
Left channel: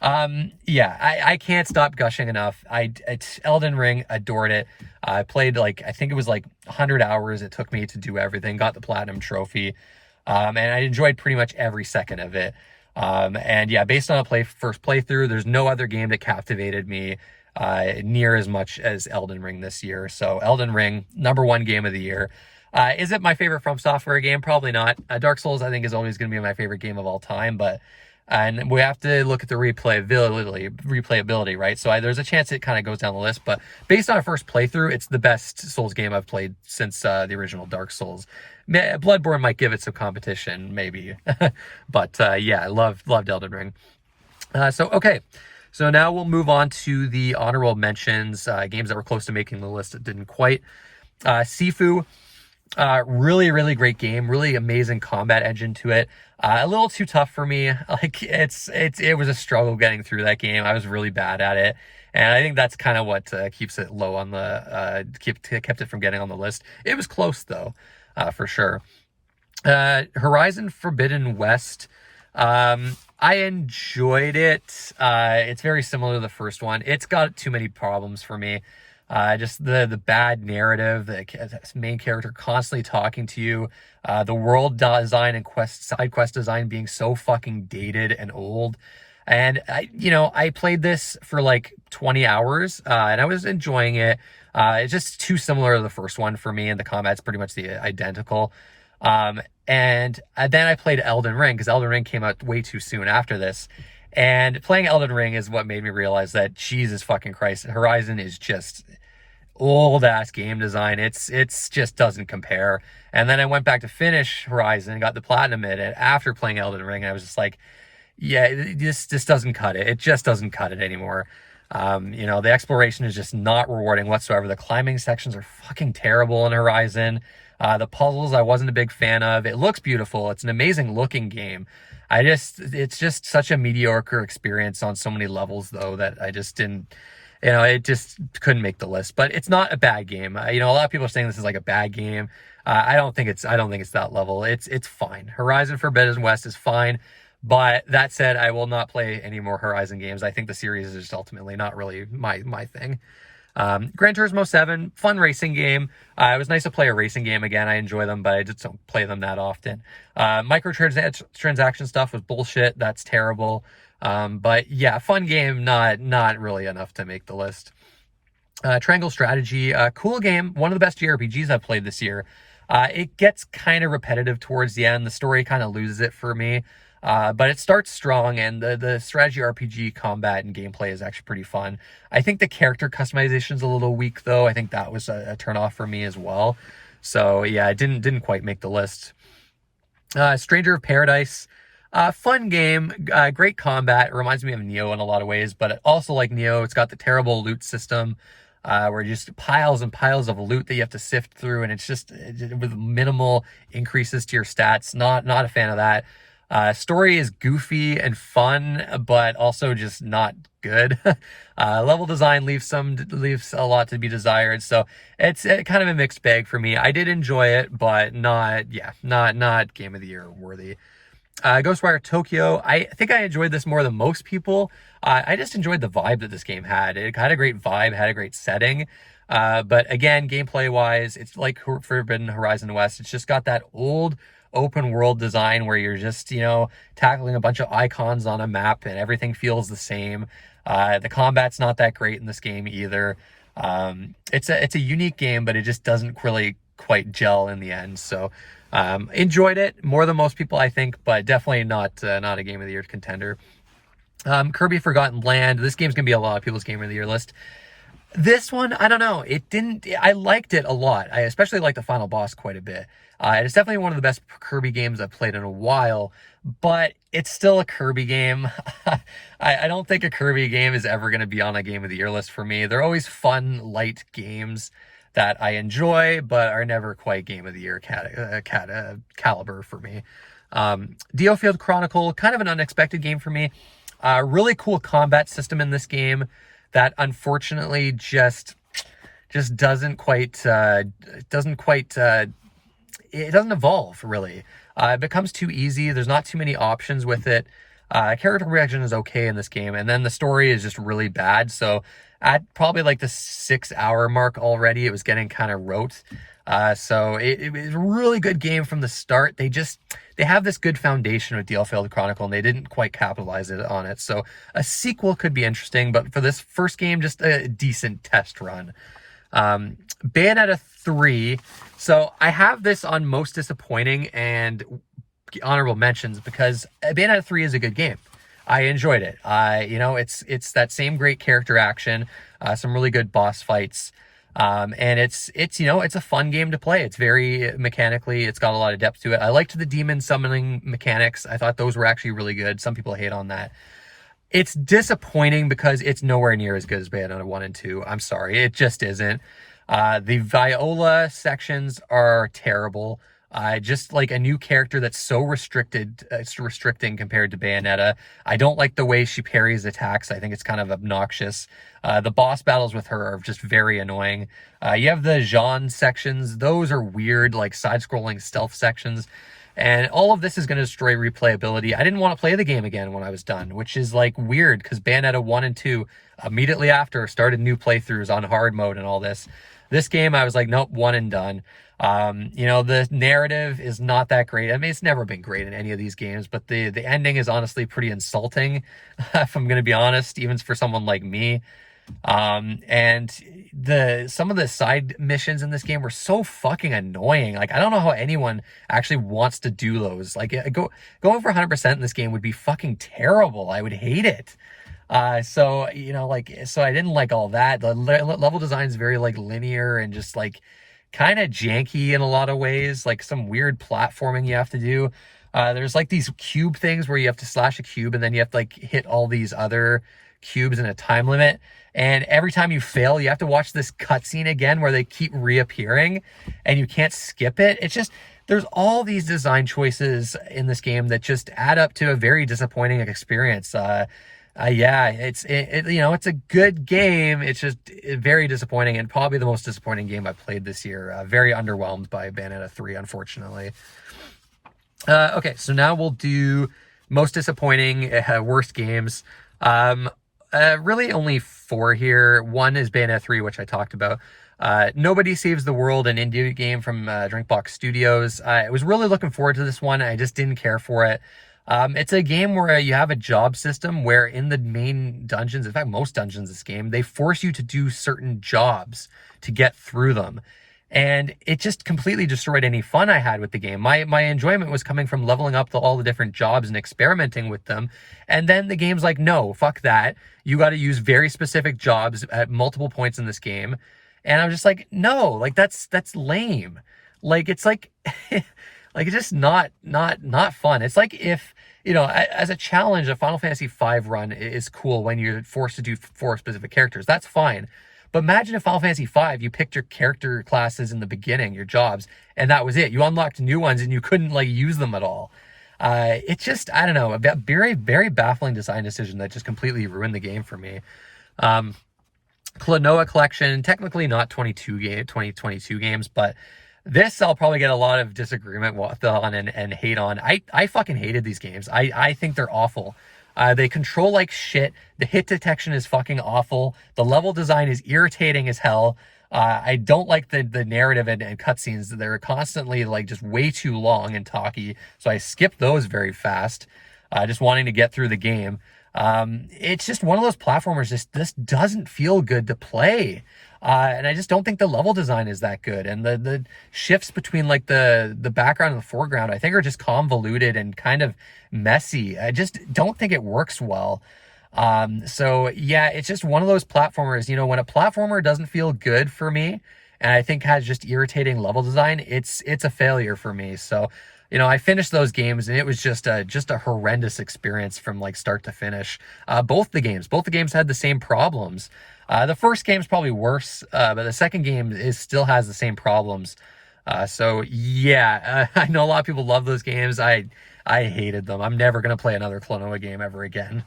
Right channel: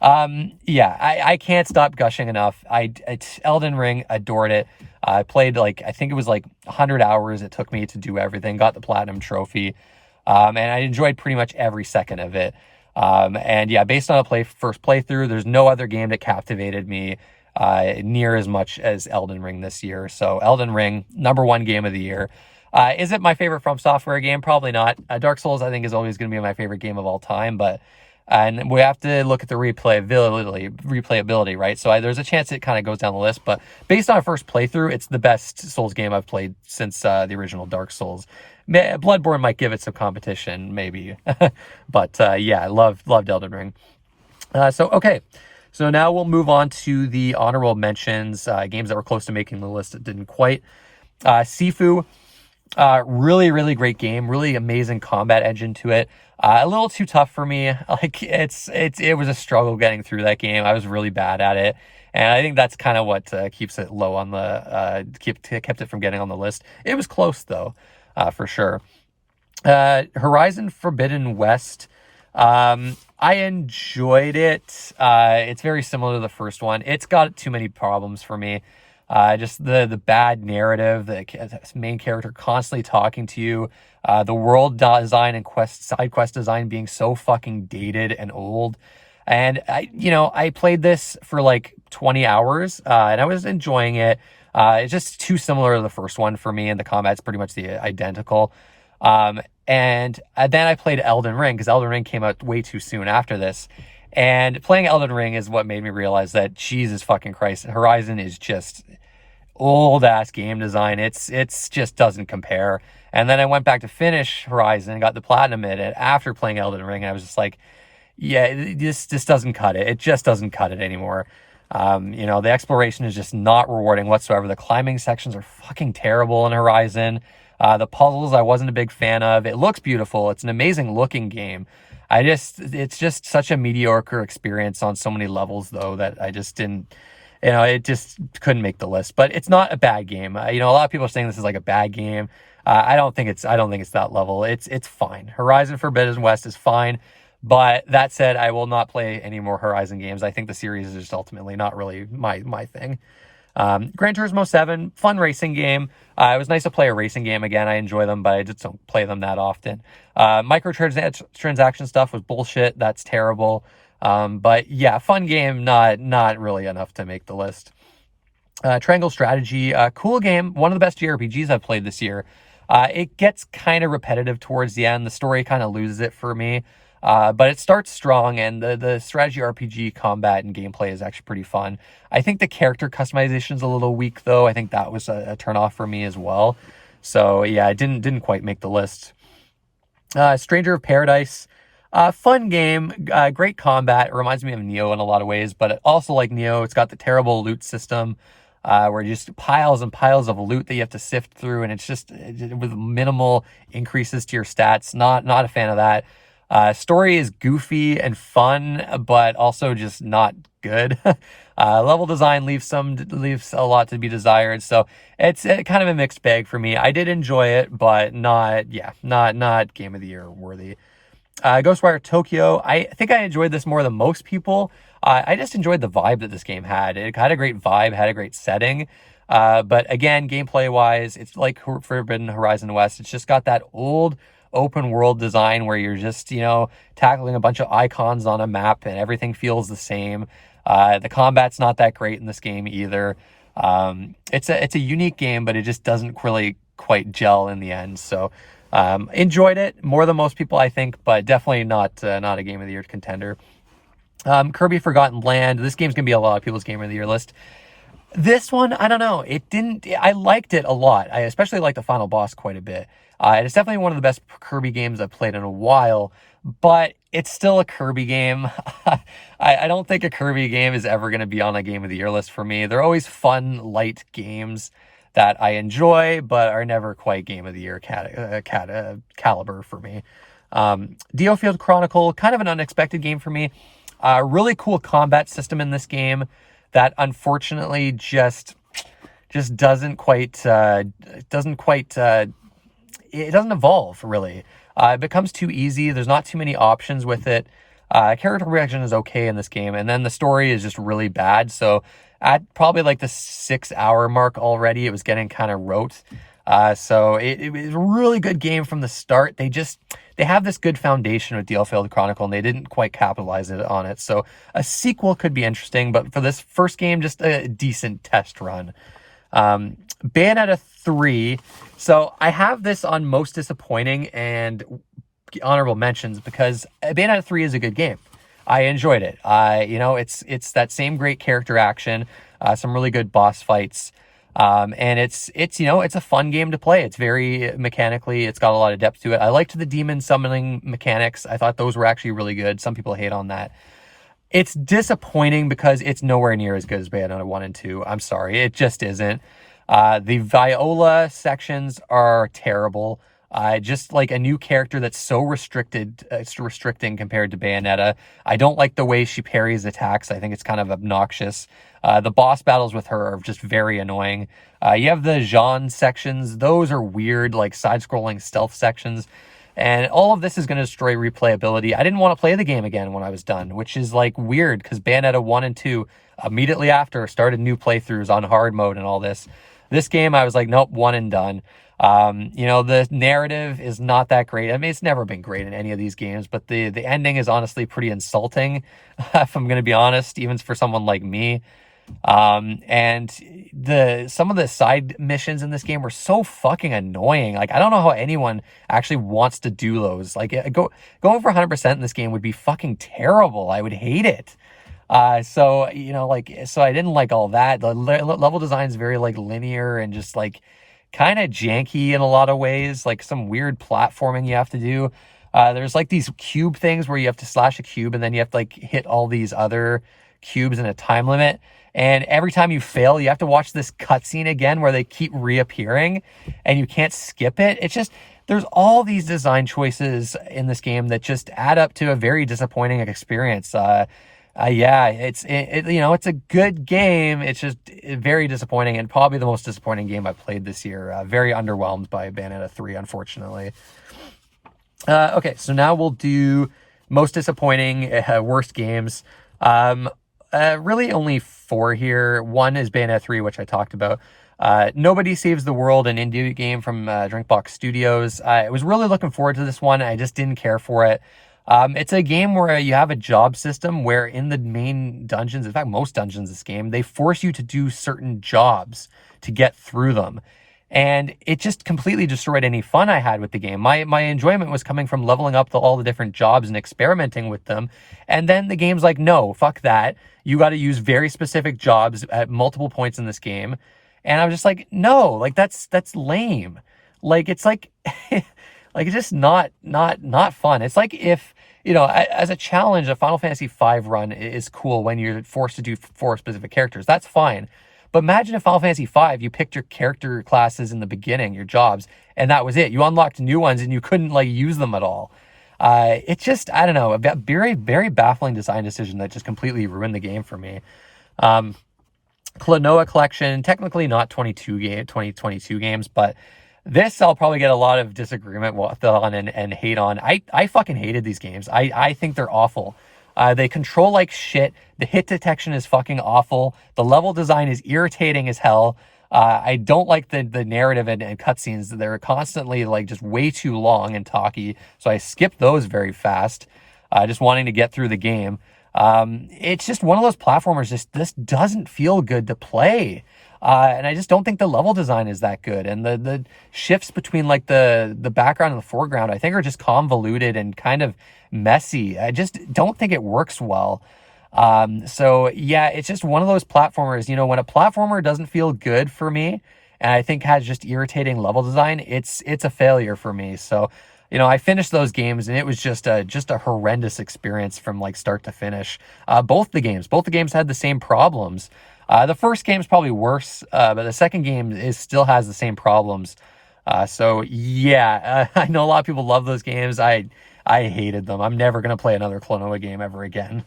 Yeah, I can't stop gushing enough. It's Elden Ring, adored it. I played like, I think it was like 100 hours it took me to do everything, got the platinum trophy. And I enjoyed pretty much every second of it. And yeah, based on a first playthrough, there's no other game that captivated me near as much as Elden Ring this year. So Elden Ring, #1 game of the year. Is it my favorite From Software game? Probably not. Dark Souls, I think, is always going to be my favorite game of all time, but and we have to look at the replayability, right? So there's a chance it kind of goes down the list, but based on a first playthrough, it's the best Souls game I've played since the original Dark Souls. Bloodborne might give it some competition, maybe. But yeah, I loved Elden Ring. Okay. So now we'll move on to the honorable mentions, games that were close to making the list that didn't quite. Sifu, really, really great game. Really amazing combat engine to it. A little too tough for me. Like it was a struggle getting through that game. I was really bad at it. And I think that's kind of what keeps it low on the, kept it from getting on the list. It was close though. For sure. Horizon Forbidden West. I enjoyed it. It's very similar to the first one. It's got too many problems for me. Just the bad narrative, the main character constantly talking to you, the world design and side quest design being so fucking dated and old. And I played this for like 20 hours, and I was enjoying it. It's just too similar to the first one for me, and the combat's pretty much identical. And then I played Elden Ring, because Elden Ring came out way too soon after this. And playing Elden Ring is what made me realize that, Jesus fucking Christ, Horizon is just old ass game design. It's just doesn't compare. And then I went back to finish Horizon and got the platinum in it after playing Elden Ring, and I was just like, yeah, this doesn't cut it. It just doesn't cut it anymore. The exploration is just not rewarding whatsoever. The climbing sections are fucking terrible in Horizon. The puzzles I wasn't a big fan of. It looks beautiful. It's an amazing looking game. It's just such a mediocre experience on so many levels though, that I just didn't, it just couldn't make the list. But it's not a bad game. A lot of people are saying this is like a bad game. I don't think it's that level. It's fine. Horizon Forbidden West is fine. But that said, I will not play any more Horizon games. I think the series is just ultimately not really my thing. Gran Turismo 7, fun racing game. It was nice to play a racing game again. I enjoy them, but I just don't play them that often. Microtransaction stuff was bullshit. That's terrible. But yeah, fun game, not really enough to make the list. Triangle Strategy, cool game. One of the best JRPGs I've played this year. It gets kind of repetitive towards the end. The story kind of loses it for me. But it starts strong, and the strategy RPG combat and gameplay is actually pretty fun. I think the character customization is a little weak, though. I think that was a turnoff for me as well. So yeah, it didn't quite make the list. Stranger of Paradise, fun game, great combat. It reminds me of Nioh in a lot of ways, but also like Nioh, it's got the terrible loot system, where just piles and piles of loot that you have to sift through, and it's just with minimal increases to your stats. Not a fan of that. Story is goofy and fun, but also just not good. Level design leaves a lot to be desired. So it's kind of a mixed bag for me. I did enjoy it, but not game of the year worthy. Ghostwire Tokyo. I think I enjoyed this more than most people. I just enjoyed the vibe that this game had. It had a great vibe, had a great setting. But again, gameplay wise, it's like Forbidden Horizon West. It's just got that old open world design where you're just, tackling a bunch of icons on a map and everything feels the same. The combat's not that great in this game either. It's a unique game, but it just doesn't really quite gel in the end. So enjoyed it more than most people, I think, but definitely not a Game of the Year contender. Kirby Forgotten Land. This game's gonna be a lot of people's Game of the Year list. This one, I don't know. I liked it a lot. I especially like the final boss quite a bit. It's definitely one of the best Kirby games I've played in a while, but it's still a Kirby game. I don't think a Kirby game is ever going to be on a Game of the Year list for me. They're always fun, light games that I enjoy, but are never quite Game of the Year caliber for me. DioField Chronicle, kind of an unexpected game for me. Really cool combat system in this game that unfortunately just doesn't quite it doesn't evolve really. It becomes too easy. There's not too many options with it. Character progression is okay in this game, and then the story is just really bad. So at probably like the 6-hour mark already, it was getting kind of rote. So it was a really good game from the start. They have this good foundation with DioField Chronicle, and they didn't quite capitalize on it. So a sequel could be interesting, but for this first game, just a decent test run. Bayonetta 3. So I have this on most disappointing and honorable mentions because Bayonetta 3 is a good game. I enjoyed it. It's that same great character action, some really good boss fights. And it's a fun game to play. It's very mechanically, it's got a lot of depth to it. I liked the demon summoning mechanics. I thought those were actually really good. Some people hate on that. It's disappointing because it's nowhere near as good as Bayonetta 1 and 2. I'm sorry, it just isn't. The Viola sections are terrible. Just like a new character that's so restricting compared to Bayonetta. I don't like the way she parries attacks. I think it's kind of obnoxious. The boss battles with her are just very annoying. You have the Jean sections. Those are weird, like side-scrolling stealth sections. And all of this is going to destroy replayability. I didn't want to play the game again when I was done, which is like weird because Bayonetta 1 and 2 immediately after started new playthroughs on hard mode and all this. This game, I was like, nope, one and done. The narrative is not that great. I mean, it's never been great in any of these games, but the ending is honestly pretty insulting, if I'm going to be honest, even for someone like me. And some of the side missions in this game were so fucking annoying. Like, I don't know how anyone actually wants to do those. Like, going for 100% in this game would be fucking terrible. I would hate it. So I didn't like all that. The level design is very like linear and just like kind of janky in a lot of ways, like some weird platforming you have to do. There's like these cube things where you have to slash a cube and then you have to like hit all these other cubes in a time limit. And every time you fail, you have to watch this cutscene again where they keep reappearing and you can't skip it. It's just, there's all these design choices in this game that just add up to a very disappointing experience. It's a good game. It's just very disappointing and probably the most disappointing game I played this year. Very underwhelmed by Bayonetta 3, unfortunately. Okay, so now we'll do most disappointing, worst games. Really only 4 here. One is Bayonetta 3, which I talked about. Nobody Saves the World, an indie game from Drinkbox Studios. I was really looking forward to this one. I just didn't care for it. It's a game where you have a job system where in the main dungeons, in fact, most dungeons in this game, they force you to do certain jobs to get through them. And it just completely destroyed any fun I had with the game. My enjoyment was coming from leveling up all the different jobs and experimenting with them. And then the game's like, no, fuck that. You got to use very specific jobs at multiple points in this game. And I was just like, no, like that's lame. Like, it's like, like, it's just not fun. It's like if, as a challenge, a Final Fantasy V run is cool when you're forced to do 4 specific characters. That's fine. But imagine if Final Fantasy V, you picked your character classes in the beginning, your jobs, and that was it. You unlocked new ones and you couldn't like use them at all. It's just, I don't know, a very, very baffling design decision that just completely ruined the game for me. Klonoa Collection, technically not 2022 games, but this I'll probably get a lot of disagreement on and hate on. I fucking hated these games. I think they're awful. They control like shit. The hit detection is fucking awful. The level design is irritating as hell. I don't like the narrative and cutscenes. They're constantly like just way too long and talky. So I skip those very fast, just wanting to get through the game. It's just one of those platformers. This doesn't feel good to play. And I just don't think the level design is that good. And the shifts between like the background and the foreground, I think are just convoluted and kind of messy. I just don't think it works well. So yeah, it's just one of those platformers, when a platformer doesn't feel good for me, and I think has just irritating level design, it's a failure for me. So, I finished those games and it was just a horrendous experience from like start to finish. Both the games had the same problems. The first game's probably worse, but the second game still has the same problems. So yeah, I know a lot of people love those games. I hated them. I'm never gonna play another Klonoa game ever again.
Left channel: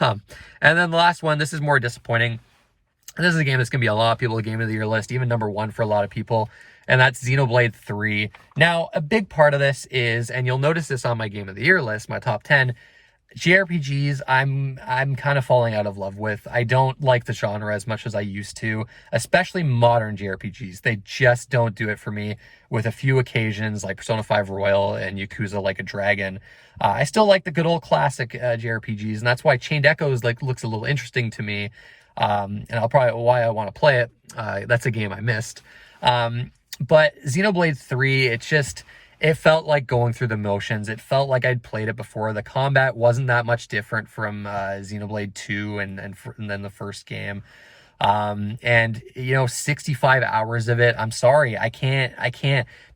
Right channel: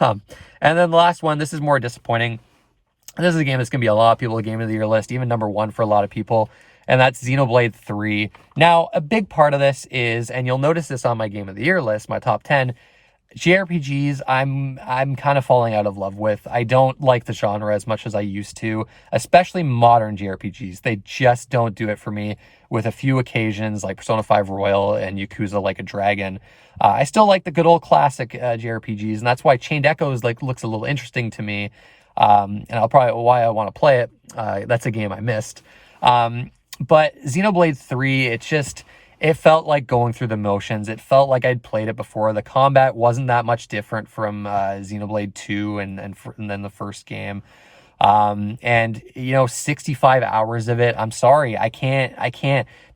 And then the last one, this is more disappointing. This is a game that's going to be a lot of people's Game of the Year list, even number one for a lot of people, and that's Xenoblade 3. Now, a big part of this is, and you'll notice this on my Game of the Year list, my top 10, JRPGs, I'm kind of falling out of love with. I don't like the genre as much as I used to, especially modern JRPGs. They just don't do it for me, with a few occasions like Persona 5 Royal and Yakuza Like a Dragon. I still like the good old classic JRPGs, and that's why Chained Echoes looks a little interesting to me. And I'll probably why I want to play it. That's a game I missed. But Xenoblade 3, it felt like going through the motions. It felt like I'd played it before. The combat wasn't that much different from Xenoblade 2 and then the first game. And 65 hours of it. I'm sorry, I can't.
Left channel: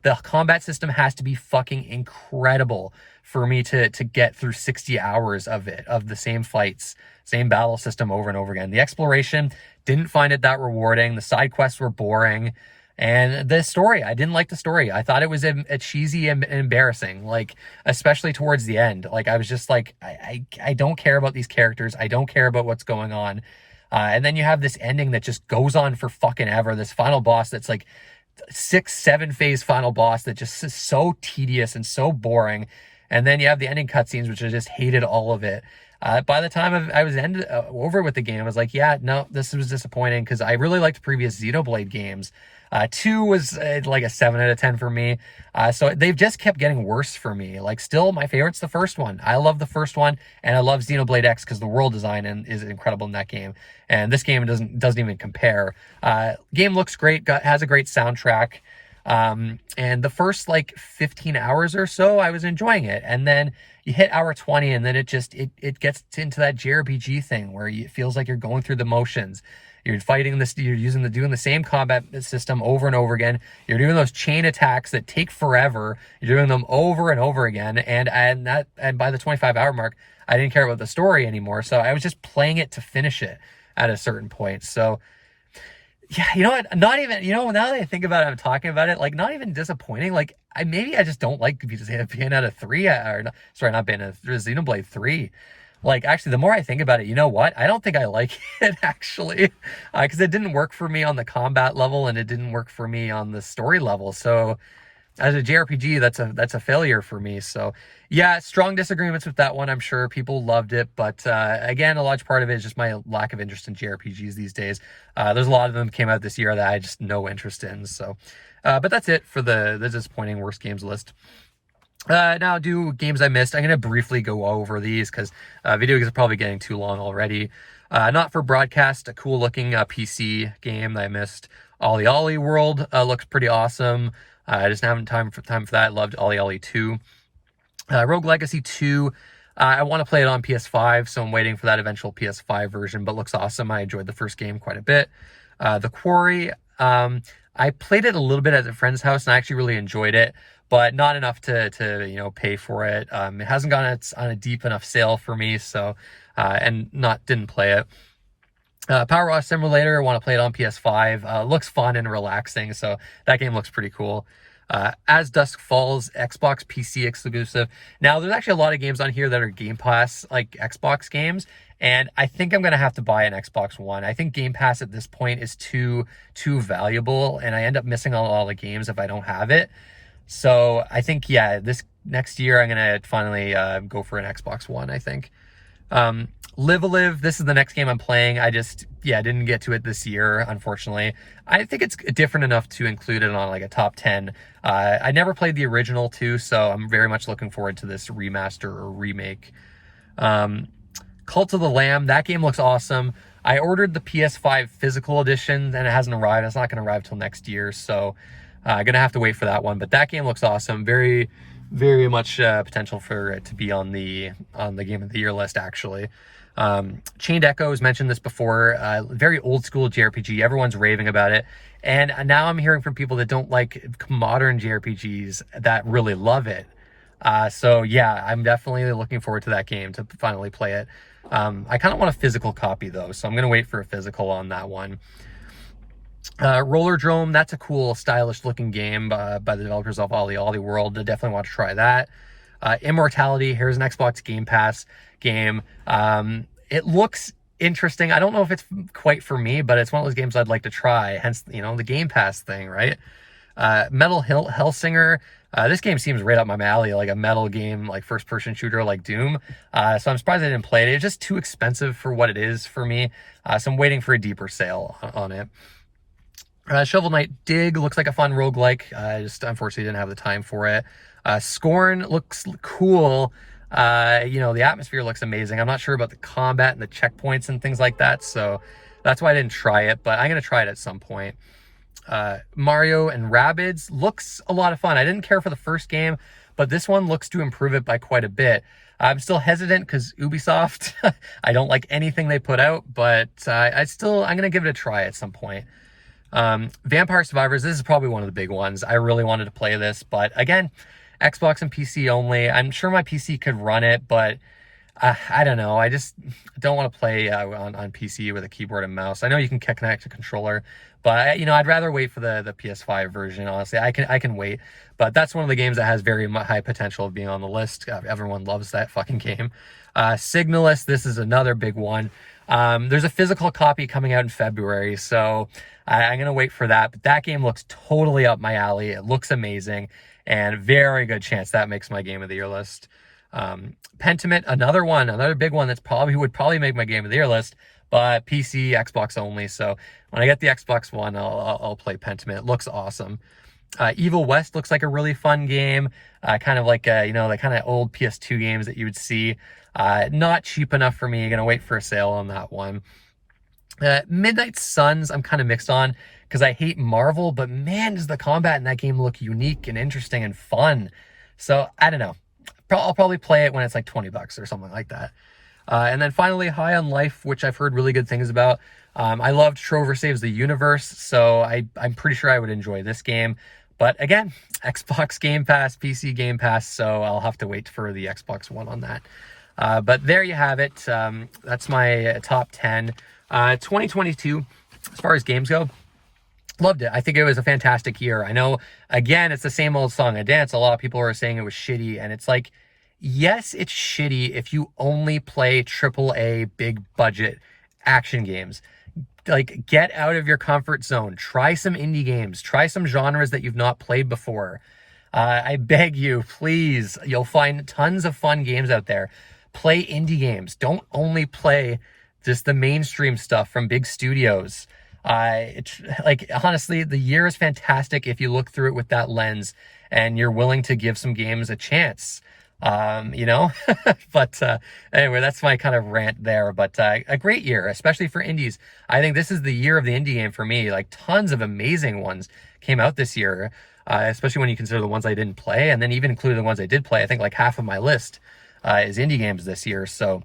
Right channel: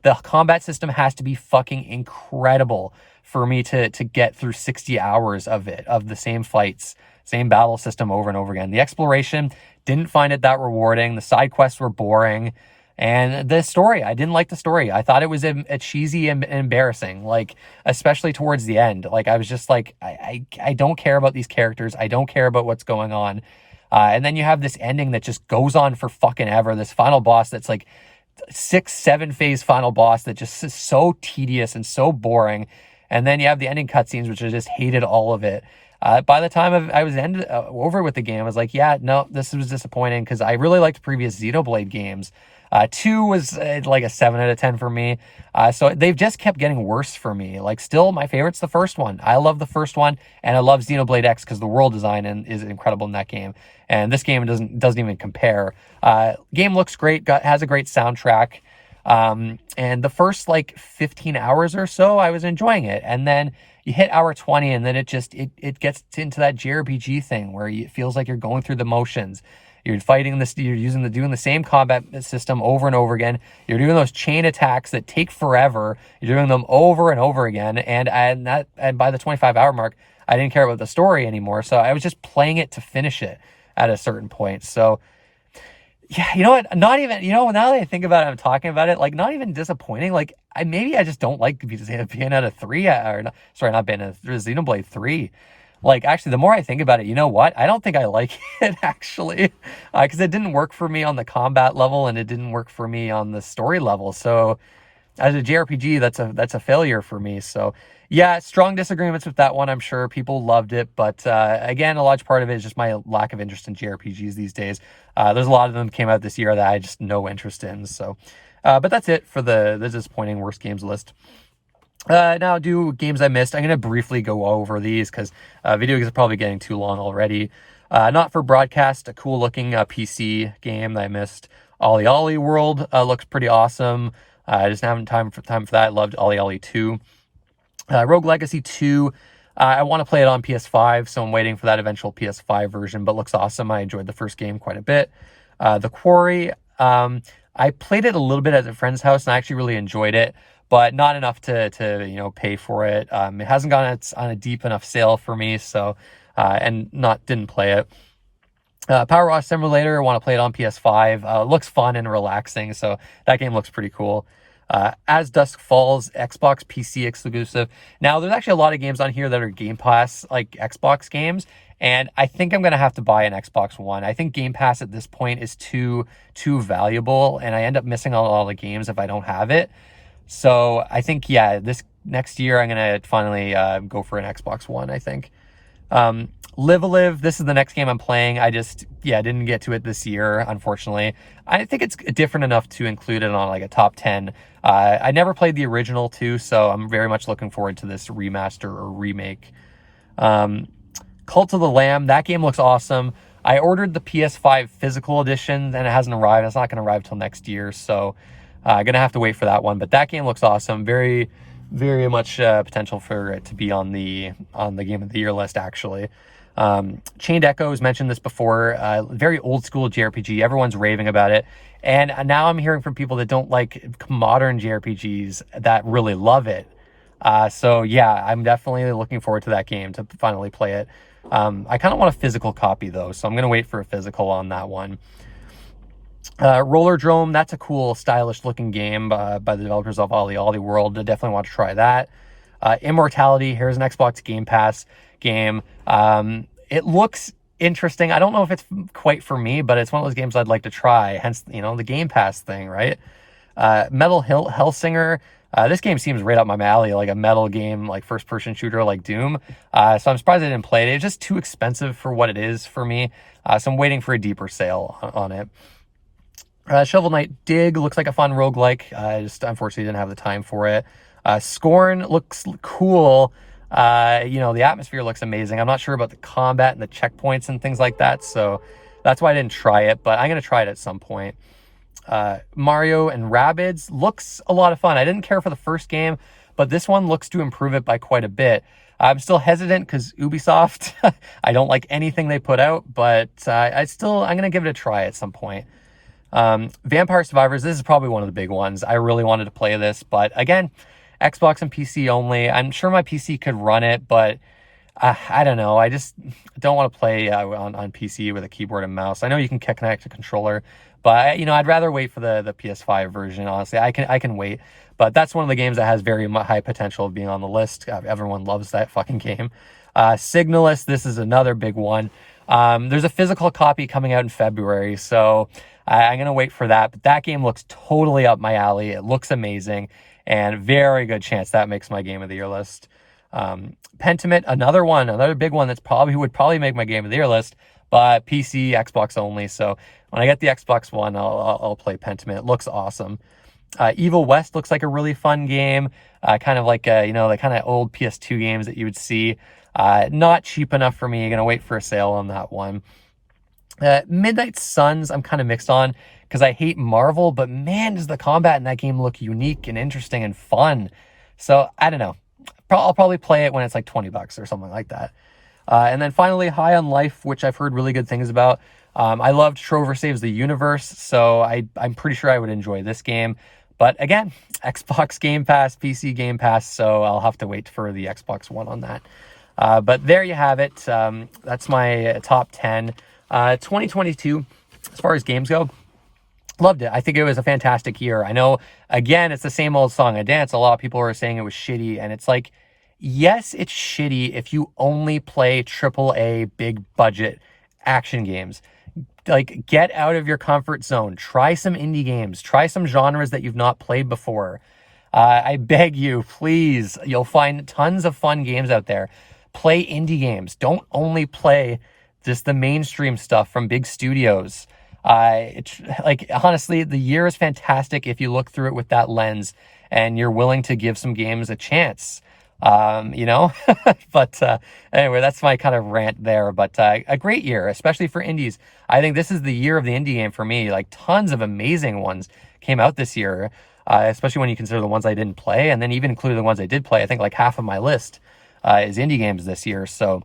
The combat system has to be fucking incredible for me to get through 60 hours of the same fights, same battle system over and over again. The exploration, didn't find it that rewarding. The side quests were boring. And the story, I didn't like the story. I thought it was a cheesy and embarrassing, like, especially towards the end. Like, I was just like, I don't care about these characters. I don't care about what's going on. And then you have this ending that just goes on for fucking ever. This final boss that's like 6-7 phase final boss that just is so tedious and so boring. And then you have the ending cutscenes, which I just hated all of it. By the time I was over with the game, I was like, yeah, no, this was disappointing, because I really liked previous Xenoblade games. 2 was like a 7 out of 10 for me. So they've just kept getting worse for me. Like, still, my favorite's the first one. I love the first one, and I love Xenoblade X because the world design is incredible in that game. And this game doesn't even compare. Game looks great, has a great soundtrack. And the first like 15 hours or so, I was enjoying it. And then you hit hour 20, and then it gets into that JRPG thing where it feels like you're going through the motions. You're fighting this, you're doing the same combat system over and over again. You're doing those chain attacks that take forever. You're doing them over and over again. And by the 25-hour mark, I didn't care about the story anymore. So I was just playing it to finish it at a certain point. So yeah, you know what? Not even, now that I think about it, I'm talking about it, like, not even disappointing. Like, I just don't like Bayonetta 3, not Bayonetta, Xenoblade 3. Like, actually, the more I think about it, you know what? I don't think I like it, actually, because it didn't work for me on the combat level, and it didn't work for me on the story level. So as a JRPG, that's a failure for me. So yeah, strong disagreements with that one. I'm sure people loved it, but again, a large part of it is just my lack of interest in JRPGs these days. There's a lot of them came out this year that I just no interest in. So, but that's it for the disappointing worst games list. Now, do games I missed. I'm going to briefly go over these because video games are probably getting too long already. Not for broadcast, a cool looking PC game that I missed. Ollie Ollie World looks pretty awesome. I just haven't time for that. Loved Ollie Ollie 2. Rogue Legacy 2. I want to play it on PS5, so I'm waiting for that eventual PS5 version, but looks awesome. I enjoyed the first game quite a bit. The Quarry. I played it a little bit at a friend's house, and I actually really enjoyed it, but not enough to pay for it. It hasn't gone on a deep enough sale for me, so didn't play it. Power Wash Simulator, I want to play it on PS5. Looks fun and relaxing, so that game looks pretty cool. As Dusk Falls, Xbox PC exclusive. Now, there's actually a lot of games on here that are Game Pass, like Xbox games, and I think I'm going to have to buy an Xbox One. I think Game Pass at this point is too valuable, and I end up missing on a lot of the games if I don't have it. So I think, yeah, this next year I'm going to finally go for an Xbox One, I think. Live a Live, this is the next game I'm playing. I didn't get to it this year, unfortunately. I think it's different enough to include it on like a top 10. I never played the original too, so I'm very much looking forward to this remaster or remake. Cult of the Lamb, that game looks awesome. I ordered the PS5 physical edition and it hasn't arrived. It's not going to arrive till next year, so I'm going to have to wait for that one. But that game looks awesome. Very, very much potential for it to be on the Game of the Year list, actually. Chained Echoes, mentioned this before, very old school JRPG. Everyone's raving about it. And now I'm hearing from people that don't like modern JRPGs that really love it. So yeah, I'm definitely looking forward to that game, to finally play it. I kind of want a physical copy though, so I'm going to wait for a physical on that one. Rollerdrome, that's a cool, stylish looking game by the developers of Ollie World. I definitely want to try that. Immortality, here's an Xbox Game Pass game. It looks interesting. I don't know if it's quite for me, but it's one of those games I'd like to try, hence, you know, the Game Pass thing, right? Metal Hellsinger, this game seems right up my alley, like a metal game, like first-person shooter like Doom. So I'm surprised I didn't play it. It's just too expensive for what it is for me. So I'm waiting for a deeper sale on it. Shovel Knight Dig looks like a fun roguelike. I just unfortunately didn't have the time for it. Scorn looks cool. You know, the atmosphere looks amazing. I'm not sure about the combat and the checkpoints and things like that, so that's why I didn't try it, but I'm going to try it at some point. Mario and Rabbids looks a lot of fun. I didn't care for the first game, but this one looks to improve it by quite a bit. I'm still hesitant because Ubisoft, I don't like anything they put out, but I'm going to give it a try at some point. Vampire Survivors, this is probably one of the big ones. I really wanted to play this, but again, Xbox and PC only. I'm sure my PC could run it, but I don't know. I just don't want to play on PC with a keyboard and mouse. I know you can connect a controller, but you know, I'd rather wait for the PS5 version. Honestly, I can wait. But that's one of the games that has very high potential of being on the list. Everyone loves that fucking game. Signalis, this is another big one. There's a physical copy coming out in February, so I'm gonna wait for that. But that game looks totally up my alley. It looks amazing, and very good chance that makes my Game of the Year list. Pentiment, another big one that's would probably make my Game of the Year list, but PC, Xbox only. So when I get the Xbox One, I'll play Pentiment. It looks awesome. Evil West looks like a really fun game, kind of like you know, the kind of old PS2 games that you would see. Not cheap enough for me. Gonna wait for a sale on that one. Midnight Suns, I'm kind of mixed on because I hate Marvel, but man, does the combat in that game look unique and interesting and fun. So I don't know. I'll probably play it when it's like $20 or something like that. And then finally, High on Life, which I've heard really good things about. I loved Trover Saves the Universe, so I'm pretty sure I would enjoy this game. But again, Xbox Game Pass, PC Game Pass, so I'll have to wait for the Xbox One on that. But there you have it. That's my top 10. 2022, as far as games go, loved it. I think it was a fantastic year. I know, again, it's the same old song and dance. A lot of people are saying it was shitty, and it's like, yes, it's shitty if you only play AAA big budget action games. Like, get out of your comfort zone. Try some indie games. Try some genres that you've not played before. I beg you, please. You'll find tons of fun games out there. Play indie games. Don't only play just the mainstream stuff from big studios. It's like, honestly, the year is fantastic if you look through it with that lens and you're willing to give some games a chance. You know, but anyway, that's my kind of rant there. But a great year, especially for indies. I think this is the year of the indie game for me. Like, tons of amazing ones came out this year, especially when you consider the ones I didn't play, and then even including the ones I did play. I think like half of my list is indie games this year. So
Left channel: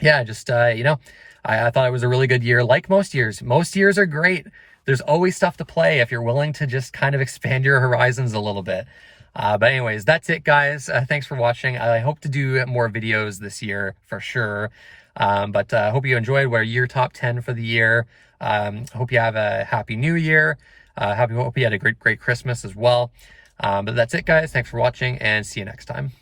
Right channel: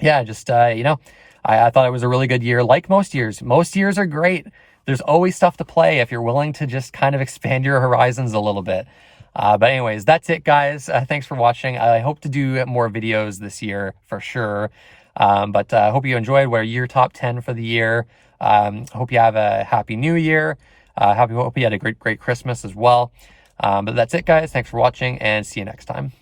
yeah, just you know, I thought it was a really good year. Like most years. Most years are great. There's always stuff to play if you're willing to just kind of expand your horizons a little bit. But anyways, that's it, guys. Thanks for watching. I hope to do more videos this year for sure. But I hope you enjoyed. What are your top 10 for the year? Hope you have a happy new year. Hope you had a great Christmas as well. But that's it, guys. Thanks for watching, and see you next time.